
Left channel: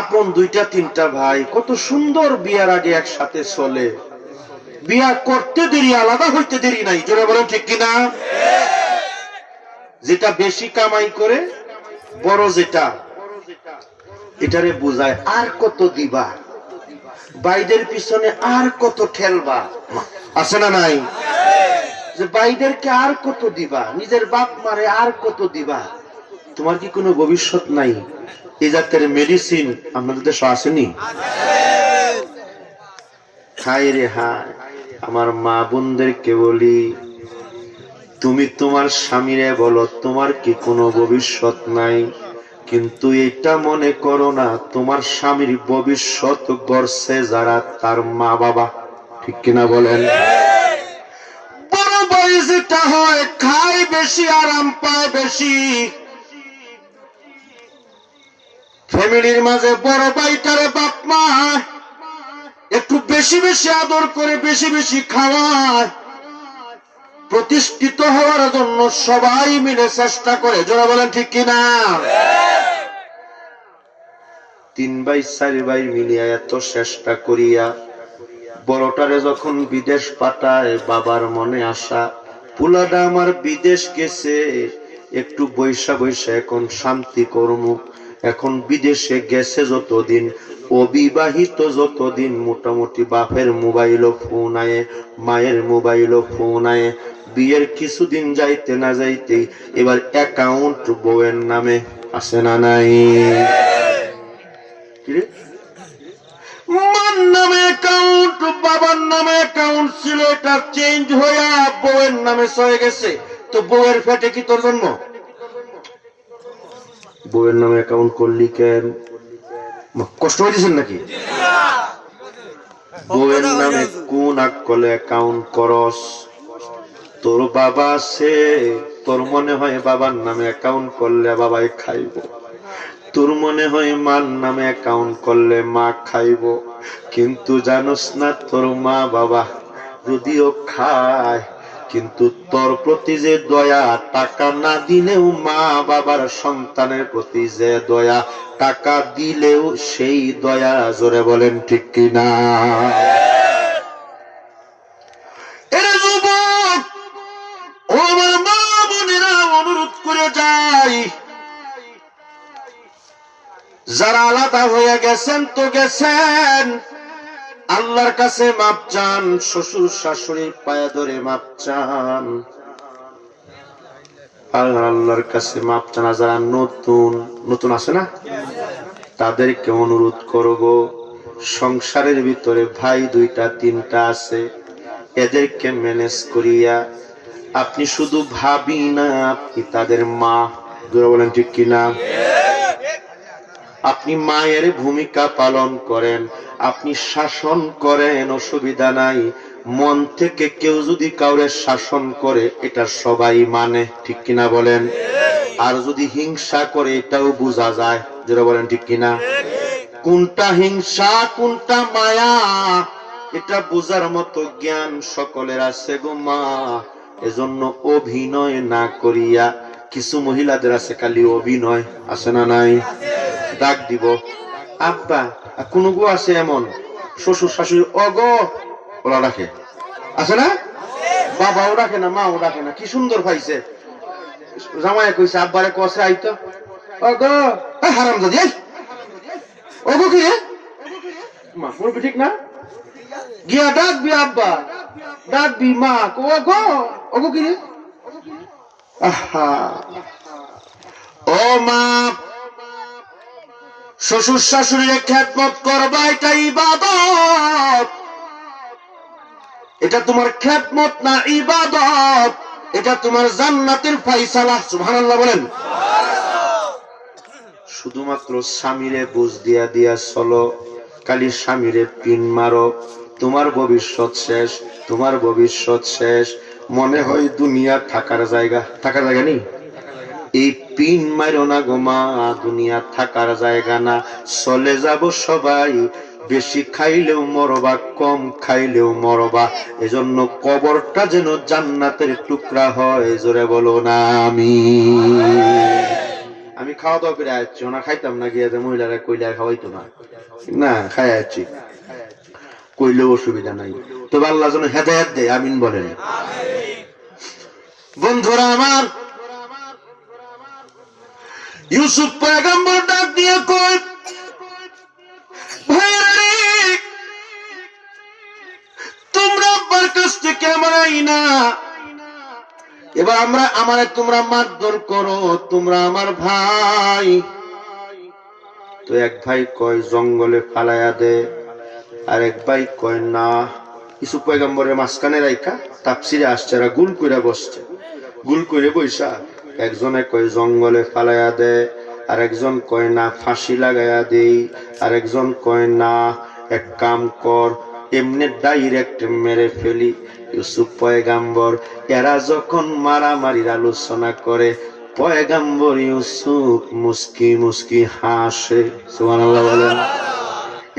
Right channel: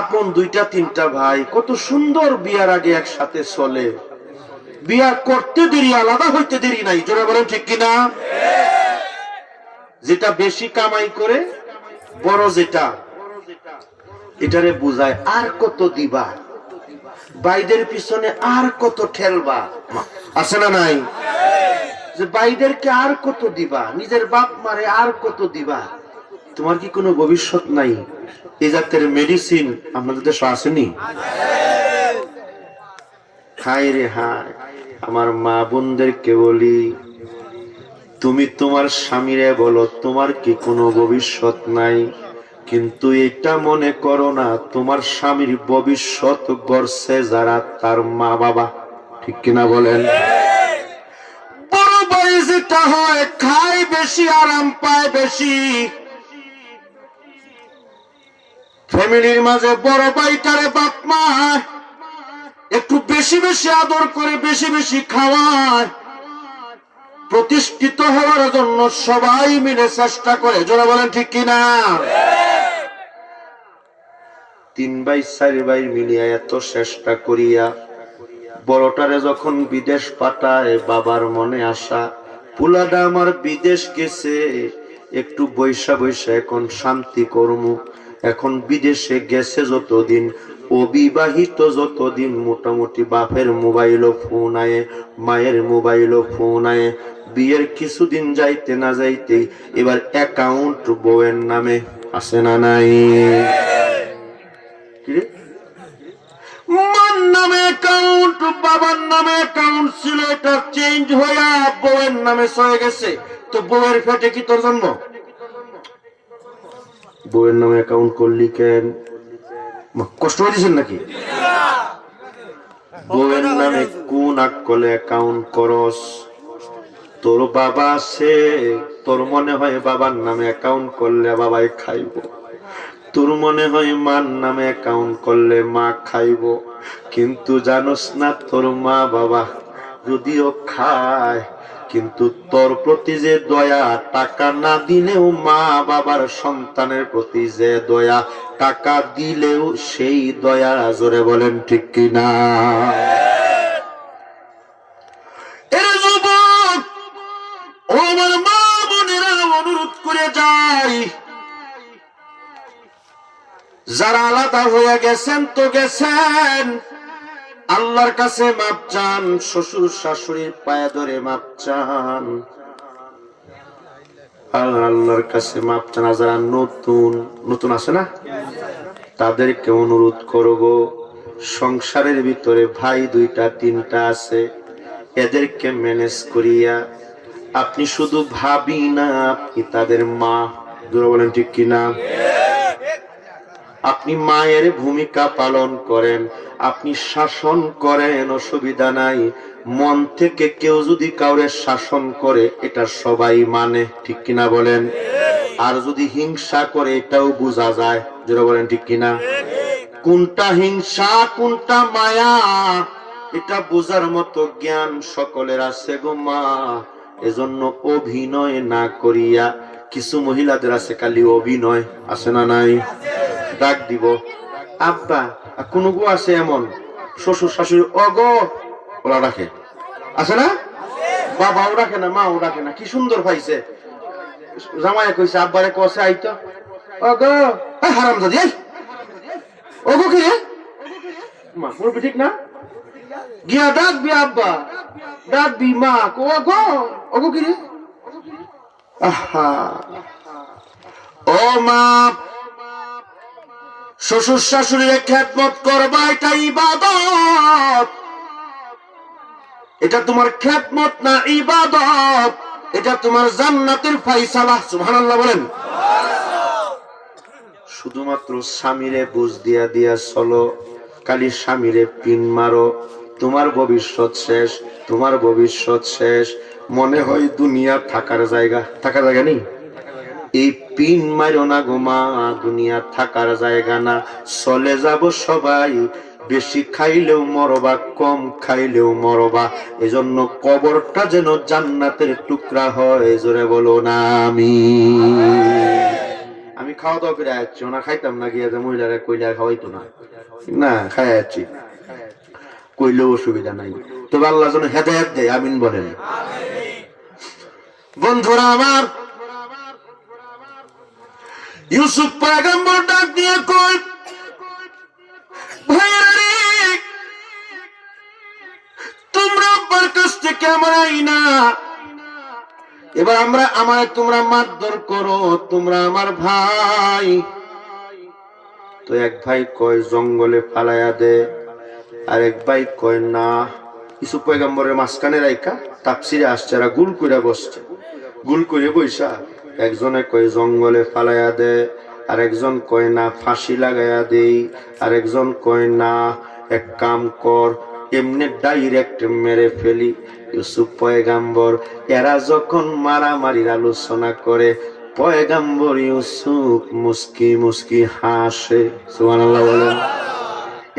আপন দুইটা তিনটা ভাই কত সুন্দর বিয়ার আগে একসাথে চলে, বিয়া করতে দেরি, আলাদা হইতে দেরি নাই। জোরে বলেন ঠিক কিনা? যেটা বেশি কামাই করে বড় যেটা, এটারে বুঝায় আর কত দিবা, বাইদের পিছনে আর কত ঠেলবা, আছে না নাই? যে বাইদেরকে আর কত দিবা, নিজের বাপ মারে আর কত দিবা, তোমার কি কোনো ভবিষ্যৎ নাই? এই জাতের মেডিসিন আপনাদের দেশে আসেনি? খাই রে হায়। আমার মা বোনদেরকে বলি, তুমি তোমার স্বামীরে বলো তোমার কি কোনো ভবিষ্যৎ নাই, কিন্তু এটা মনে করো না তোমার স্বামীর ভবিষ্যৎ গড়ছে যারা তার মা বাবা। ঠিক কিনা বলেন? বড় ভাই যেটা হয়, খায় বেশি, আরাম পায় বেশি। ফ্যামিলির মাঝে বড় ভাইটারে বাপ মা একটু বেশি বেশি আদর করে, বেশি বেশি খাওয়ায়, প্রতিষ্ঠিত হওয়ার জন্য সবাই মিলে চেষ্টা করে। জোরে বলেন ঠিক কিনা? 3 ভাই 4 ভাই মিলিয়া এত চেষ্টা করিয়া বড়টারে যখন বিদেশ পাঠায়, বাবার মনে আশা পুলাটা আমার বিদেশ গেছে, একটু বৈশা বৈশা এখন শান্তি কর্ম। এখন বিদেশে গেছে যতদিন, অবিবাহিত যতদিন, মোটামুটি বাপের মোবাইলও ফোন আয়ে, মায়ের মোবাইলও ফোন আয়ে। বিয়ের কিছুদিন যাইতে না যাইতে এবার অ্যাকাউন্ট বউয়ের নামে, আছে না নাই? মার নামে অ্যাকাউন্ট, বাবার নামে অ্যাকাউন্ট ছিল, এটা চেঞ্জ হইয়া বউয়ের নামে হয়ে গেছে। তো বউয়ের পেটে কি তোর জন্ম? বউয়ের নামে অ্যাকাউন্ট করলি কেন? কষ্ট হয়েছেন নাকি? বউয়ের নামে কোন আকলে অ্যাকাউন্ট করস? তোর বাবা আছে, তোর মনে হয় বাবার নামে অ্যাকাউন্ট করলে বাবাই খাইব, তোর মনে হয় মার নামে অ্যাকাউন্ট করলে মা খাইব, কিন্তু জানোস না তোর মা বাবা যদিও খায়, কিন্তু তোর প্রতি যে দয়া, টাকা না দিলেও মা বাবার সন্তানের প্রতি যে দয়া, টাকা দিলেও সেই দয়া। জোরে বলেন ঠিক কিনা? এর যুবক ও আমার মা বোনেরা, অনুরোধ করে যাই, যারা আলাদা হয়ে গেছেন তো গেছেন, আল্লাহর কাছে মাপ চান, শ্বশুর শাশুড়ির পায়ে ধরে মাপ চান, আল্লাহর কাছে মাপ চান। যারা নতুন নতুন আছে না, তাদেরকে অনুরোধ করব, সংসারের ভিতরে ভাই 2টা 3টা আছে, এদেরকে ম্যানেজ করিয়া আপনি শুধু ভাবি না, আপনি তাদের মা। বলেন ঠিক কিনা? আপনি মায়ের ভূমিকা পালন করেন, আপনি শাসন করেন, অসুবিধা নাই। মন থেকে কেউ যদি কাউরে শাসন করে, এটা সবাই মানে। ঠিক কিনা বলেন? আর যদি হিংসা করে, এটাও বোঝা যায়। যারা বলেন ঠিক কিনা? কোনটা হিংসা কোনটা মায়া, এটা বোঝার মতো জ্ঞান সকলের আছে গো মা। এজন্য অভিনয় না করিয়া, কিছু মহিলাদের আছে খালি অভিনয়, আছে না নাই? ডাক দিব আব্বা, কোন গো আছে এমন শ্বশুর শাশুড়ি অগো ওরা ডাকে, আছে না? বাবাও ডাকে না, মাও ডাকে না, কি সুন্দর পাইছে। জামাই কইছে আব্বারে কষে আইতো, অগো হারাম দাদি, অগো কি মা, বলবি ঠিক না? গিয়া ডাকবি আব্বা, ডাকবি মা, অগো অগো কি রে? আহা ও মা, শ্বশুর শাশুড়ির খেদমত করবা, এটা ইবাদত। এটা তোমার খেদমত না, ইবাদত। এটা তোমার জান্নাতের ফায়সালা। সুবহানাল্লাহ বলেন। শুধুমাত্র স্বামীরে বুঝ দিয়া দিয়া চলো, খালি স্বামীরে পিন মারো, তোমার ভবিষ্যৎ শেষ, তোমার ভবিষ্যৎ শেষ। মনে হয় দুনিয়া থাকার জায়গা, থাকার জায়গা নেই। এই পিন মারো না গো মা, দুনিয়া থাকার জায়গা না। চলে যাব সবাই, বেশি খাইলেও মরবা, কম খাইলেও মরবা। এজন্য কবরটা যেন জান্নাতের টুকরা হয়। জোরে বলো না আমি খাওয়া দাওয়া করে আসছি, ওনা খাইতাম না, গিয়ে মহিলারা কইলে খাওয়াইতো না, না খাই আসছি, কইলেও অসুবিধা নাই। তবে আল্লাহ যেন হেদায়েত দেয়, আমিন বলেন। বন্ধুরা আমার, ইউসুফ পয়গম্বর ডাক দিয়ে কয়, ভাইরে তোমরা আব্বার কাছ থেকে আমার আইনা, এবার আমারে তোমরা মারধর করো, তোমরা আমার ভাই। তো এক ভাই কয় জঙ্গলে ফালাইয়া দে, আর এক ভাই কয় না। ইউসুফ পয়গম্বরের মাঝখানে রাইখা তাফসিরে আসছে, এরা গুল করে বসছে, গুল করে বইসা একজনে কয় জঙ্গলে ফালাইয়া দে, আর একজন কয় না ফাঁসি লাগাইয়া দেই, আর একজন কয় না এক কাম কর এমনি ডাইরেক্ট মেরে ফেলি। ইউসুফ পয়গম্বর এরা যখন মারামারির আলোচনা করে, পয়গম্বর ইউসুফ মুস্কি মুস্কি হাসে। সুবহানাল্লাহ বলেন।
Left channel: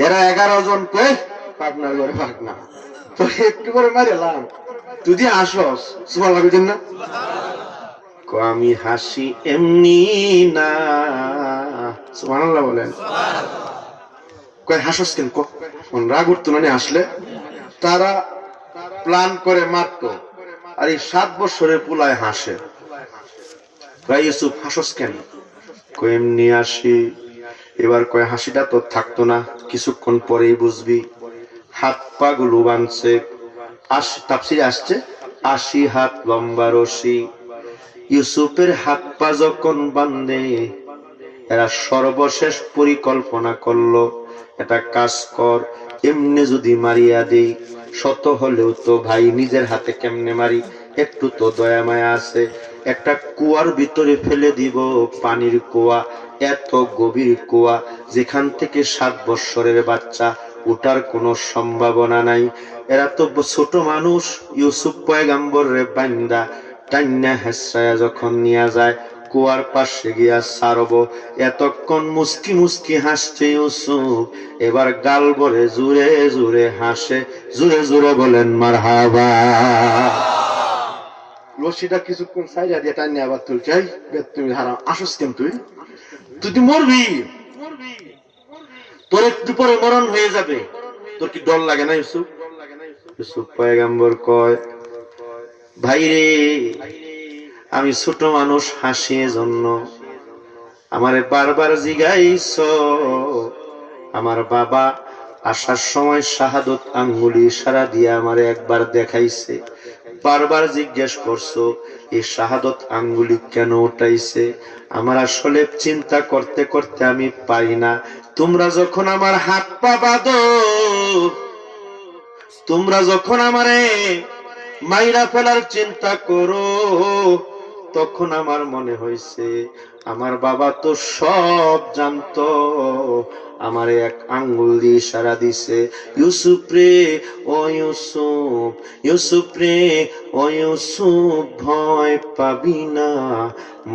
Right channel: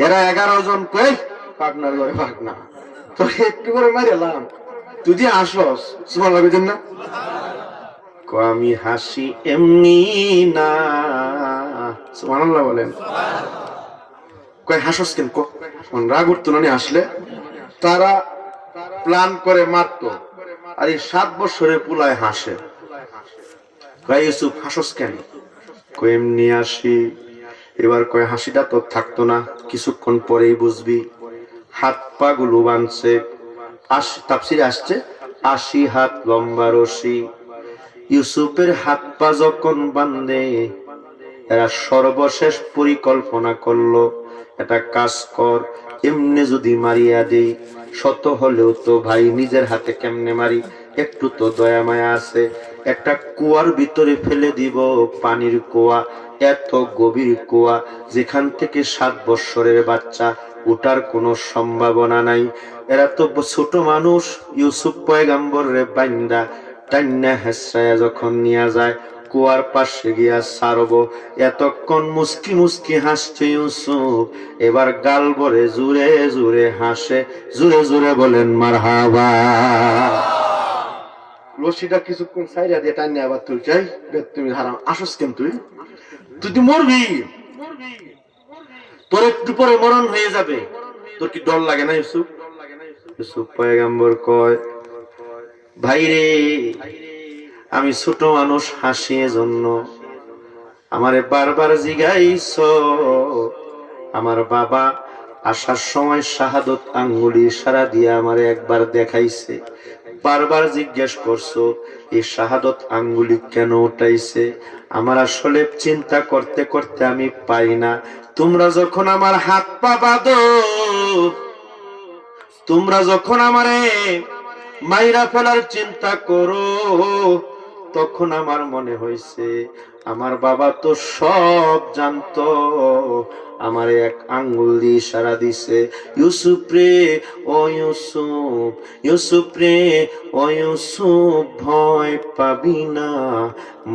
এরা 11 জন কয় পার্টনার করে পার্টনা, তো একটু করে মারিলাম তুই যে হাসস। সুবহানাল্লাহ কইছেন না? আমি হাসি এমনি না। সুবহানাল্লাহ বলেন। কয় হাসস কেন? রাগ উঠতো না হাসলে? তারা প্ল্যান করে মারতো, আর এই 7 বছরের পুলায় হাসে। ভাই ইউসুফ হাসস কেন? কয় এমনি হাসি। এবার কয় হাসিটা তো থাকতো না, কিছুক্ষণ পরেই বুঝবি। হাত পা গুলো বাঁধছে, তাফসিরে আসছে 80 হাত লম্বা রশি। ইউসুফের হাত পা যখন বাঁধে, এরা সর্বশেষ পরিকল্পনা করলো, এটা কাজ কর, এমনি যদি মারিয়া দেই, শত হলেও তো ভাই নিজের হাতে কেমনে মারি, একটু তো দয়া মায়া আছে, একটা কুয়ার ভিতরে ফেলে দিব, পানির কুয়া, এত গভীর কুয়া যেখান থেকে 7 বছরের বাচ্চা উঠার কোনো সম্ভাবনা নাই। এরা তো ছোট মানুষ। ইউসুফ পয়গম্বরের বান্দা টান্না হেসায়া যখন নিয়ে যায়, কুয়ার পাশে গিয়া সারব, এতক্ষণ মুস্কি মুস্কি হাসছে ইউসুফ, এবার গাল ভরে জুড়ে জুড়ে হাসে, জুড়ে জুড়ে বলেন মারহাবা। রশিটা কিছুক্ষণ সাইডা দিয়ে টান্না আবার তুই চাই, তুমি ধারা আসস কেন? তুই তুই মরবি, তোর একটু পরে মরণ হয়ে যাবে, তোর কি ডর লাগে না ইউসুফ? ইউসুফ পয়গম্বর কয়, ভাই রে আমি ছোট মানুষ, হাসি এজন্য। আমারে বারবার জিগাইছ, আমার বাবা আসার সময় শাহাদত আঙ্গুলি ইশারা দিয়ে আমারে একবার দেখাইছে, বারবার জিজ্ঞেস করছো এই শাহাদত আঙ্গুলি কেন উঠাইছে। আমার আসলে চিন্তা করতে করতে আমি পারি না। তোমরা যখন আমার হাত পা বাঁধো, তোমরা যখন আমারে মাইরা ফেলার চিন্তা করো, তখন আমার মনে হয়েছে আমার বাবা তো সব জানতো, আমার এক আঙ্গুল দিয়ে ইশারা দিছে, ইউসুফ রে ও ইউসুফ, ইউসুফ রে ও ইউসুফ, ভয় পাবি না,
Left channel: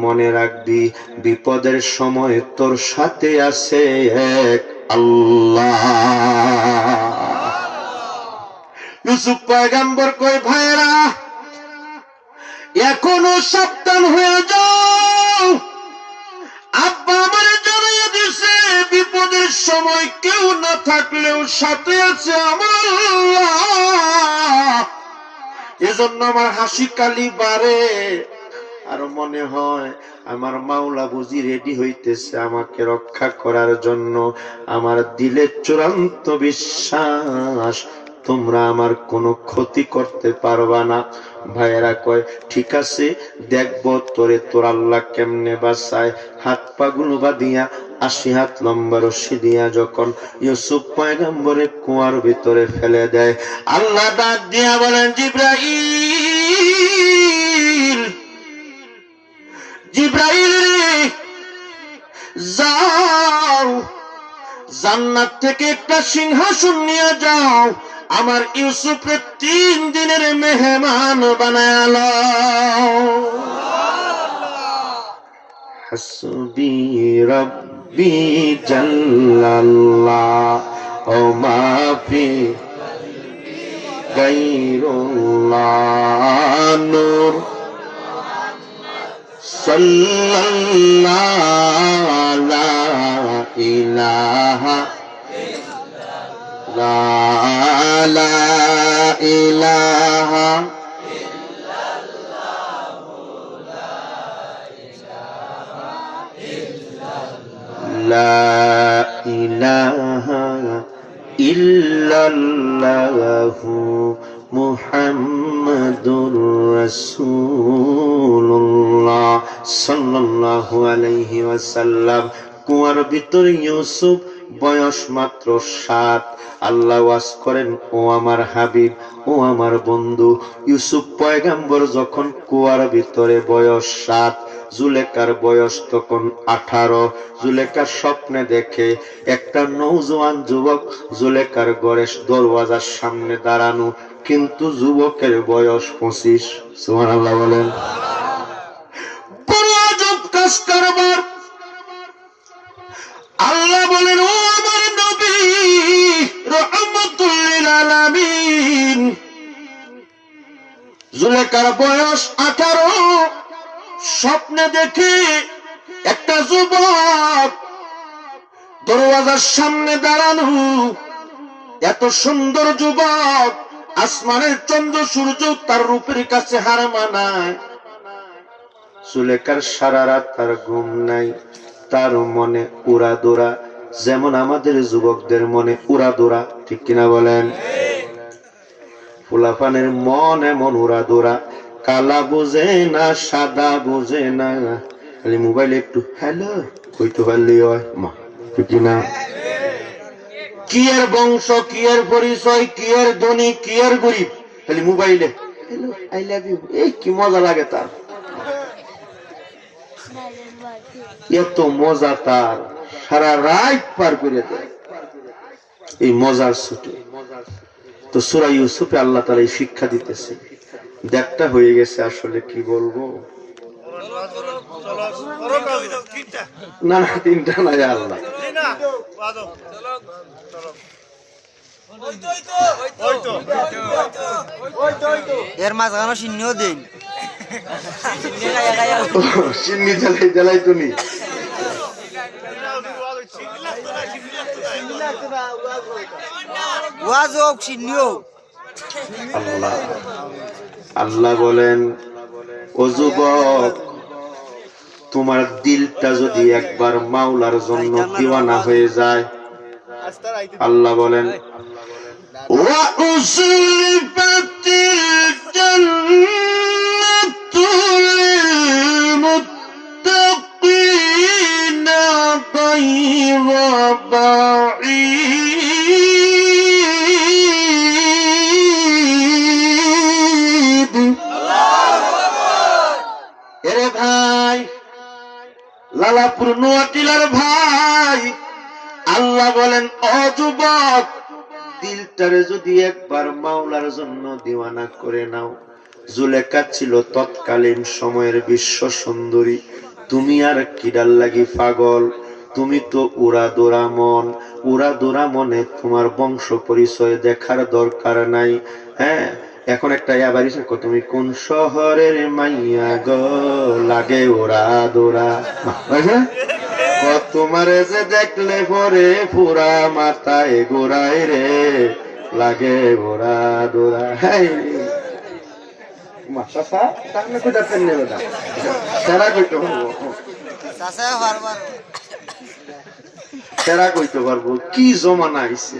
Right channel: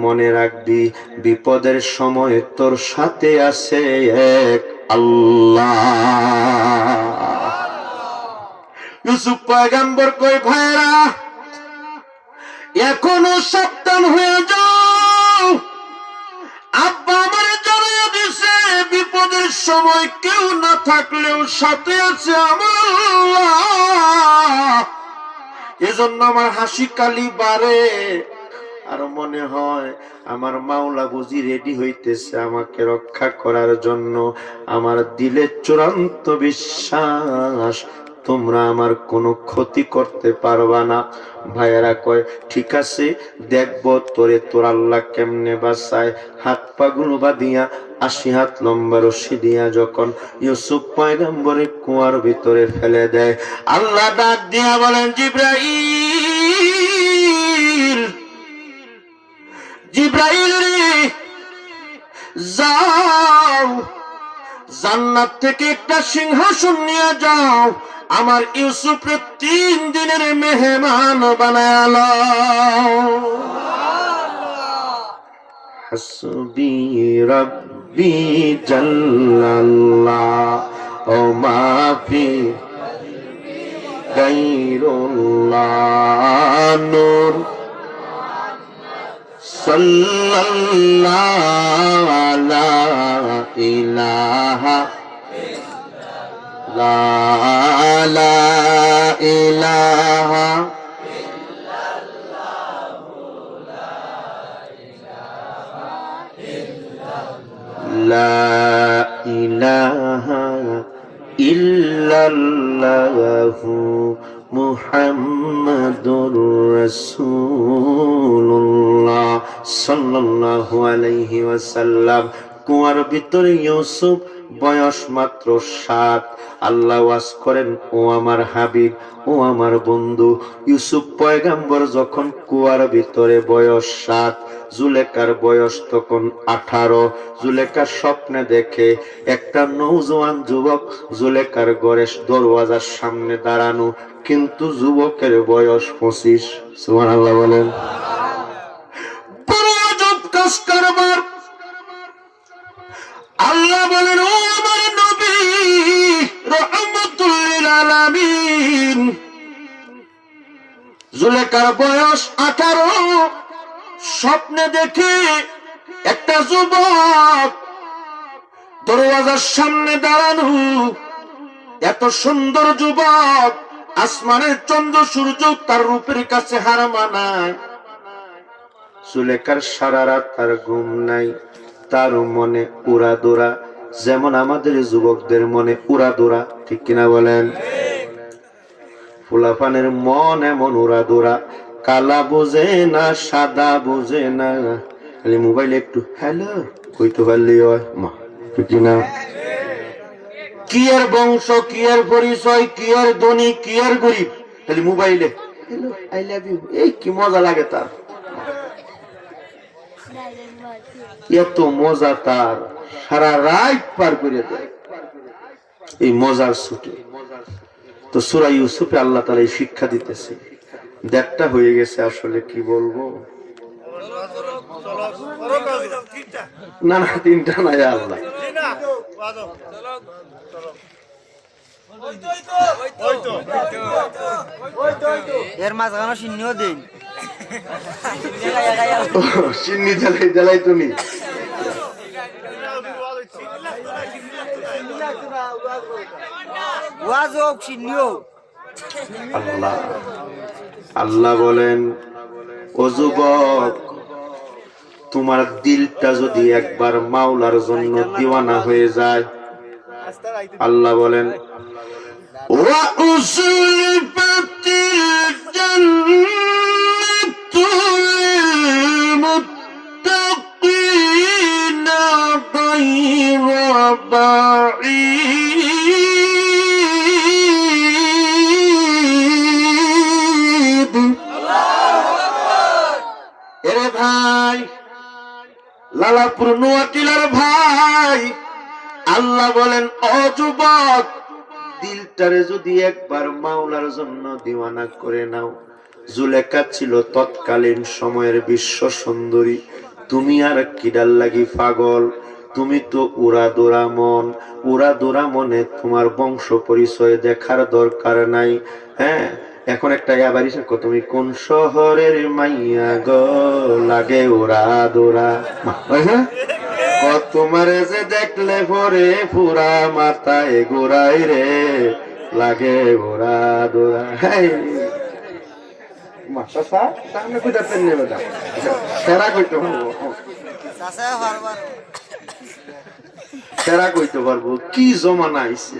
মনে রাখবি বিপদের সময় তোর সাথে আছে এক আল্লাহ। ইউসুফ পয়গম্বর কই, ভাইরা এখনো সাবধান হয়ে যাও, আব্বা আমারে জানিয়ে দিছে বিপদের সময় কেউ না থাকলেও সাথে আছে আমার আল্লাহ। এজন্য আমার হাসি কালি বাড়ে, আর মনে হয় আমার মাওলা বুঝি রেডি হইতেছে আমাকে রক্ষা করার জন্য। আমার দিলে চূড়ান্ত বিশ্বাস তোমরা আমার কোনো ক্ষতি করতে পারবা না। ভাইয়েরা কয় ঠিক আছে, দেখবো তোরে তোর আল্লাহ কেমনে বাঁচায়। হাত পা গুলো বাঁধিয়া 80 হাত লম্বা রশি দিয়া যখন ইউসুফ পয়গম্বরের কুয়ার ভিতরে ফেলে দেয়, আল্লাহ ডাক দিয়া বলেন, জিবরাইল, জিবরাইল যাও, জান্নাত থেকে একটা সিংহাসন নিয়ে যাও, আমার ইউসুফকে 3 দিনের মেহমান বানায়া লাও। হাসবি রাব্বি জাল্লাল্লাহ ও মাফি গায়রুল্লাহ, নূর সাল্লাল্লাহু লা ইলাহা লা ইলাহা লা ইলাহা ইল্লাল্লাহু মুহাম্মাদুর রাসূলুল্লাহ সাল্লাল্লাহু আলাইহি ওয়াসাল্লাম। কুয়ার ভিতরে ইউসুফ, বয়স মাত্র 7। আল্লাহ ওয়াজ করেন, ও আমার হাবিব, ও আমার বন্ধু। ইউসুফ পয়গাম্বর যখন কুয়ার ভিতরে, বয়স 7, জুলেখার বয়স তখন 18। জুলেখার স্বপ্নে দেখে একটা নওজোয়ান যুবক জুলেখার ঘরের দরওয়াজার সামনে দাঁড়ানো, কিন্তু যুবকের বয়স 25। সুবহানাল্লাহ বলেন। আল্লাহ বলেন, ও আমার নবী রাহমাতুল লিল আলামিন, জুলেখার বয়স 18। স্বপ্নে দেখে একটা যুবক দরওয়াজার সামনে দাঁড়ানো, এত সুন্দর যুবক, আসমানের চন্দ্র সূর্য তার রূপের কাছে হার মানায়। জুলেখার সারা রাত তার ঘুম নাই, তার মনে উড়াদোড়া, যেমন আমাদের যুবকদের মনে উড়াদোড়া, ঠিক কিনা বলেন? পোলাপানের মন এমন উড়াদোড়া, কালা বোঝে না, সাদা বোঝে না, খালি মোবাইলে একটু হ্যালো কইতে পারলি হয় মা, ঠিক কিনা? কি এর বংশ, কি এর পরিচয়, কি এর ধনী, কি এর গরিব, খালি মোবাইলে হ্যালো আই লাভ ইউ, এই কি মজা লাগে তার, এত মজা তার, সারা রাত পার করে দেয় এই মজার ছুটে। তো সূরা ইউসুফে আল্লাহ তাআলা এই শিক্ষা দিতেছে। দেখটা হয়ে গেছে, আসলে কি বলবো, না না 3টা না, আল্লাহ এর মাঝখানে সিন্নিও দিন, সিন্নি জ্বালাই তুমি। আল্লাহ আল্লাহ বলেন, ও যুবক, তোমার দিলটা যদি একবার মাওলার জন্য দিওয়ানা হয়ে যায়, আল্লাহ বলেন, ওয়া উসলিফাতিল জান্নাতু লিল মুত্তাকিনা গায়রা বাঈদ। এরে ভাই, লালাপুর নোয়াটিলার ভাই, আল্লাহ বলেন, ও যুবক, দিলটারে যদি একবার মাওলার জন্য দিওয়ানা করে নাও। জুলেখা ছিল তৎকালীন সময়ের বিশ্ব সুন্দরী, তুমি আর কিডার লাগি পাগল? তুমি তো উড়াদোড়া মন, উড়াদোড়া মনে তোমার বংশ পরিচয় দেখার দরকার নাই। হ্যাঁ, এখন একটা ইয়াবারি থাকো, তুমি কোন শহরের মাইয়া গো, লাগে উড়াদোড়া। তোমার যে দেখলে পরে পুরা মাথায় গোড়াই রে, লাগে ওরা দোড়া। সেরা কইতে পারবো, সেরা কইতে পারবো, কি জমানা আইছে।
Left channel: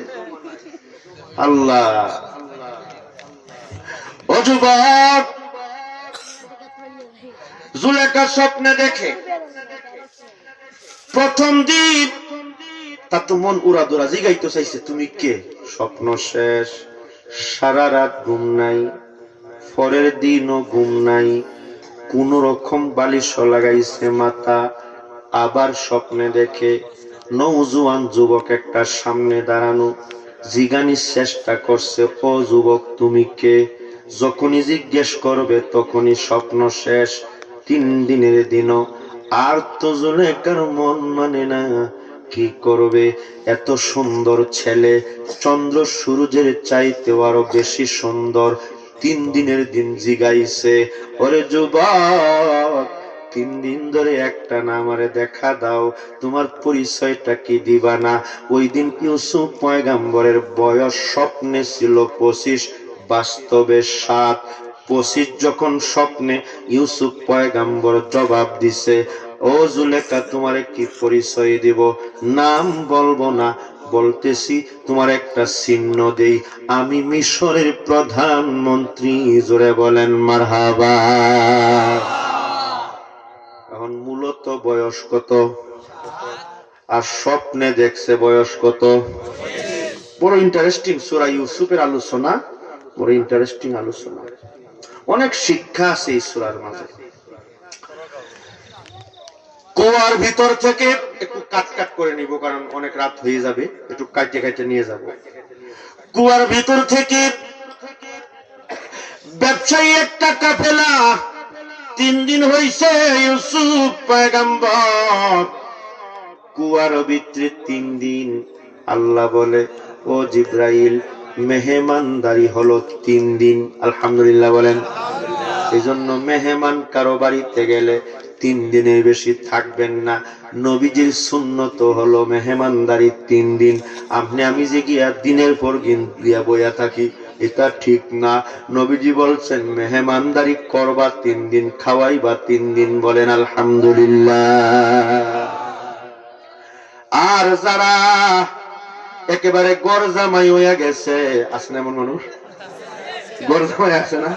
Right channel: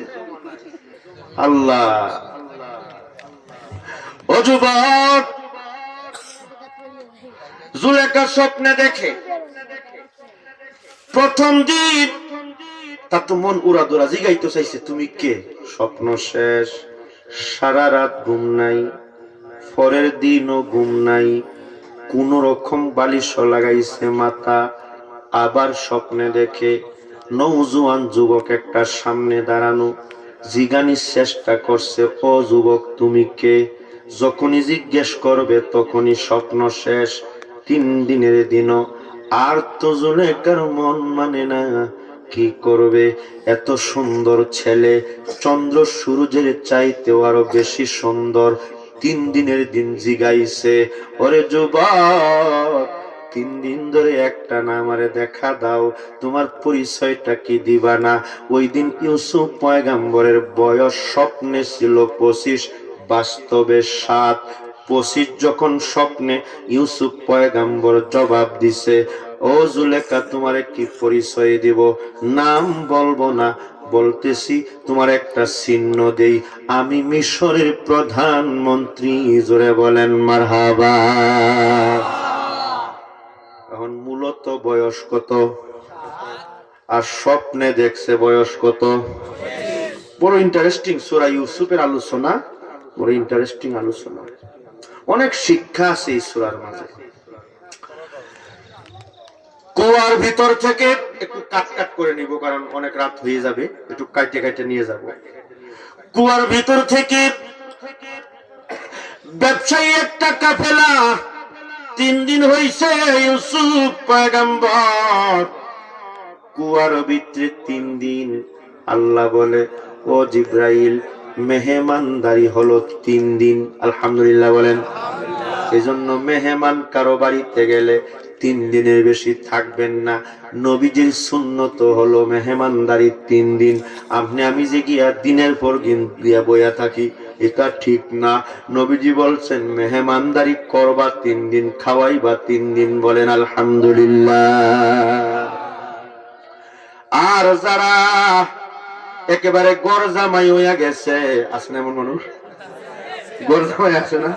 আল্লাহ, ও যুবক, জুলেখা স্বপ্নে দেখে প্রথম দিন, তার তো মন উড়াদোড়া, জিগাইতে চাইছে তুমি কে? স্বপ্ন শেষ, সারা রাত ঘুম নাই, পরের দিনও ঘুম নাই, কোন রকম বালিশ লাগাইছে মাথা। আবার স্বপ্নে দেখে নওজোয়ান যুবক একটা সামনে দাঁড়ানো, জিগানির চেষ্টা করছে, ও যুবক তুমি কে? যখনই জিজ্ঞেস করবে তখনই স্বপ্ন শেষ। 3 দিনের দিনও আর তো জুলেখার মন মানে না, কি করবে? এত সুন্দর ছেলে, চন্দ্র সূর্যের চাইতেও আরো বেশি সুন্দর। 3 দিনের দিন জিগাইছে, ওরে যুবক, 3 দিন ধরে একটা না আমারে দেখা দাও, তোমার পরিচয়টা কি দিবা না? ওই দিন ইউসুফ পয়গাম্বরের বয়স স্বপ্নে ছিল 25, বাস্তবে 7:25 যখন স্বপ্নে ইউসুফ পয়গাম্বর জবাব দিছে, ও জুলেখা তোমারে কি পরিচয় দিব? নাম বলবো না, বলতেছি তোমার একটা চিহ্ন দেই, আমি মিশরের প্রধানমন্ত্রী। জোরে বলেন মারহাবা। এখন মূলত বয়স কত? আর স্বপ্নে দেখছে বয়স কত? বড় ইন্টারেস্টিং সূরা ইউসুফের আলোচনা, বড় ইন্টারেস্টিং আলোচনা, অনেক শিক্ষা আছে এই সূরার মাঝে। কুয়ার ভিতর থেকে একটু কাট করে নিব, কারণ অনেক রাত হয়ে যাবে, একটু কাটে নিয়ে যাব। কুয়ার ভিতর থেকে ব্যবসায়ী একটা কাফেলা, 3 দিন হইছে ইউসুফ পয়গম্বর কুয়ার ভিতরে 3 দিন। আল্লাহ বলে, ও জিব্রাইল, মেহমানদারি হলো 3 দিন। আলহামদুলিল্লাহ বলেন। এই জন্য মেহমান কারো বাড়িতে গেলে 3 দিনের বেশি থাকবেন না। নবীজির সুন্নত হলো মেহমানদারি 3 দিন। আমি যে গিয়া দিনের পর দিন দিয়া বইয়া থাকি, এটা ঠিক না। নবীজি বলছেন মেহমানদারি করবা 3 দিন, খাওয়াইবা 3 দিন। বলেন আলহামদুলিল্লাহ। আর যারা একেবারে গরজামাই হইয়া গেছে, আসলে এমন মানুষ গরজামাই আছে না,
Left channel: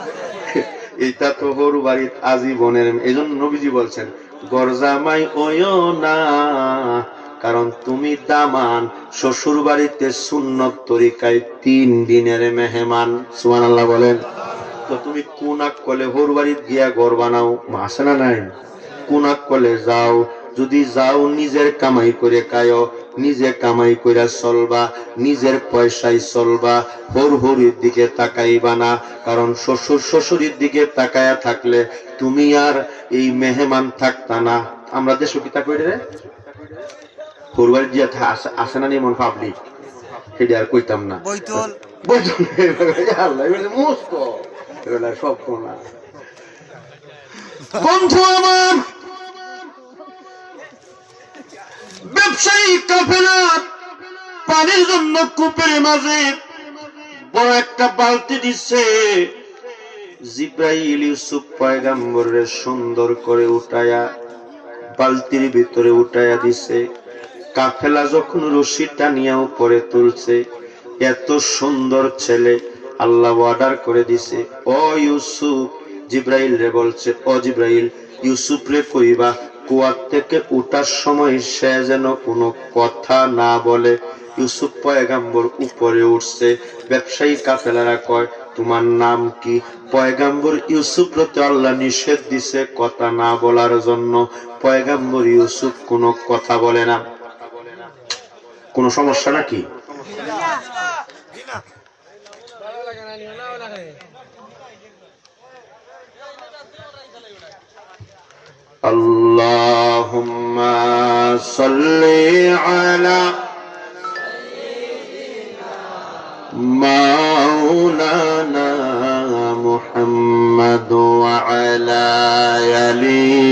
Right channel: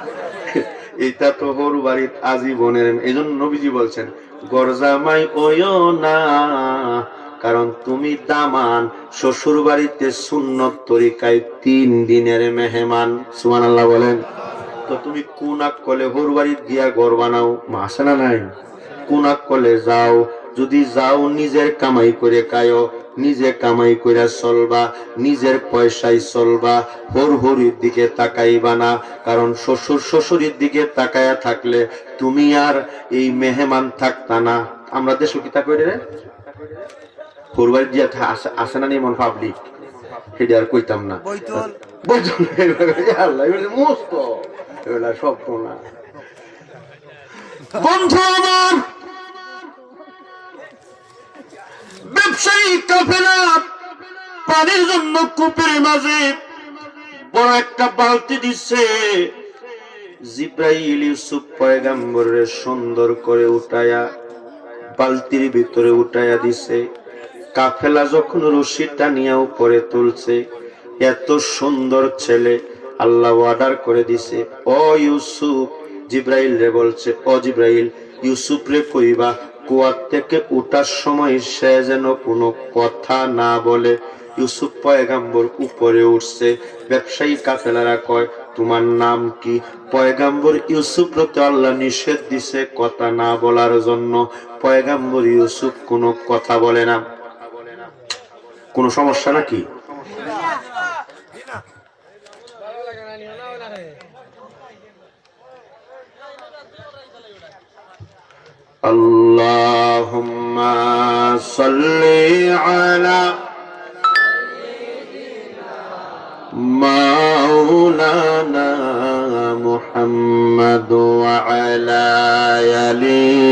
এটা তো হরু বাড়ির আজীবনের। এই জন্য নবীজি বলছেন গরজামাই ওইও না, কারণ তুমি দামান। শ্বশুর বাড়িতে সুন্নত তরিকায় 3 দিনের মেহমান। সুবহানাল্লাহ বলেন। তো তুমি কুনাক কলে হরু বাড়ির গিয়া ঘর বানাও, আসে না নাই? কুনাক কলে যাও, যদি যাও নিজের কামাই করে খায়ো, নিজে কামাই করে চলবা, নিজের পয়সায় চলবা, হরুর দিকে তাকাইবা না। কারণ শ্বশুরের দিকে তাকায়া থাকলে তুমি আর এই মেহমান থাকতা না। আমরা দেশে কি তা করি রে, হরুবাড়ি দিয়া আসে না নিমন পাবলিক, সেটা আর কইতাম না। সব বন্ধু আমার, ব্যবসায়ী কাফেলা পানির জন্য কূপের মাঝে বড় একটা বালতি দিচ্ছে। জিব্রাইল ইউসুফ পয়গম্বরের সুন্দর করে উঠায়া বালতির ভিতরে উঠায়া দিছে। কাফেলা যখন রশি টানিয়া উপরে তুলছে, এত সুন্দর ছেলে, আল্লাহ অর্ডার করে দিছে, ও ইউসুফ, জিব্রাইল রে বলছে, ও জিব্রাইল, ইউসুফ রে কইবা কুয়ার থেকে উঠার সময় সে যেন কোনো কথা না বলে। ইউসুফ পয়গম্বর উপরে উঠছে। ব্যবসায়ী কাফেলারা কয়, তোমার নাম কি? পয়গম্বর ইউসুফ রতে আল্লাহ নিষেধ দিছে কথা না বলার জন্য। পয়গম্বর ইউসুফ কোনো কথা বলে না। কোনো সমস্যা নাকি? আল্লাহুম্মা সাল্লি আলা মাওলানা মুহাম্মদ ওয়া আলা আলি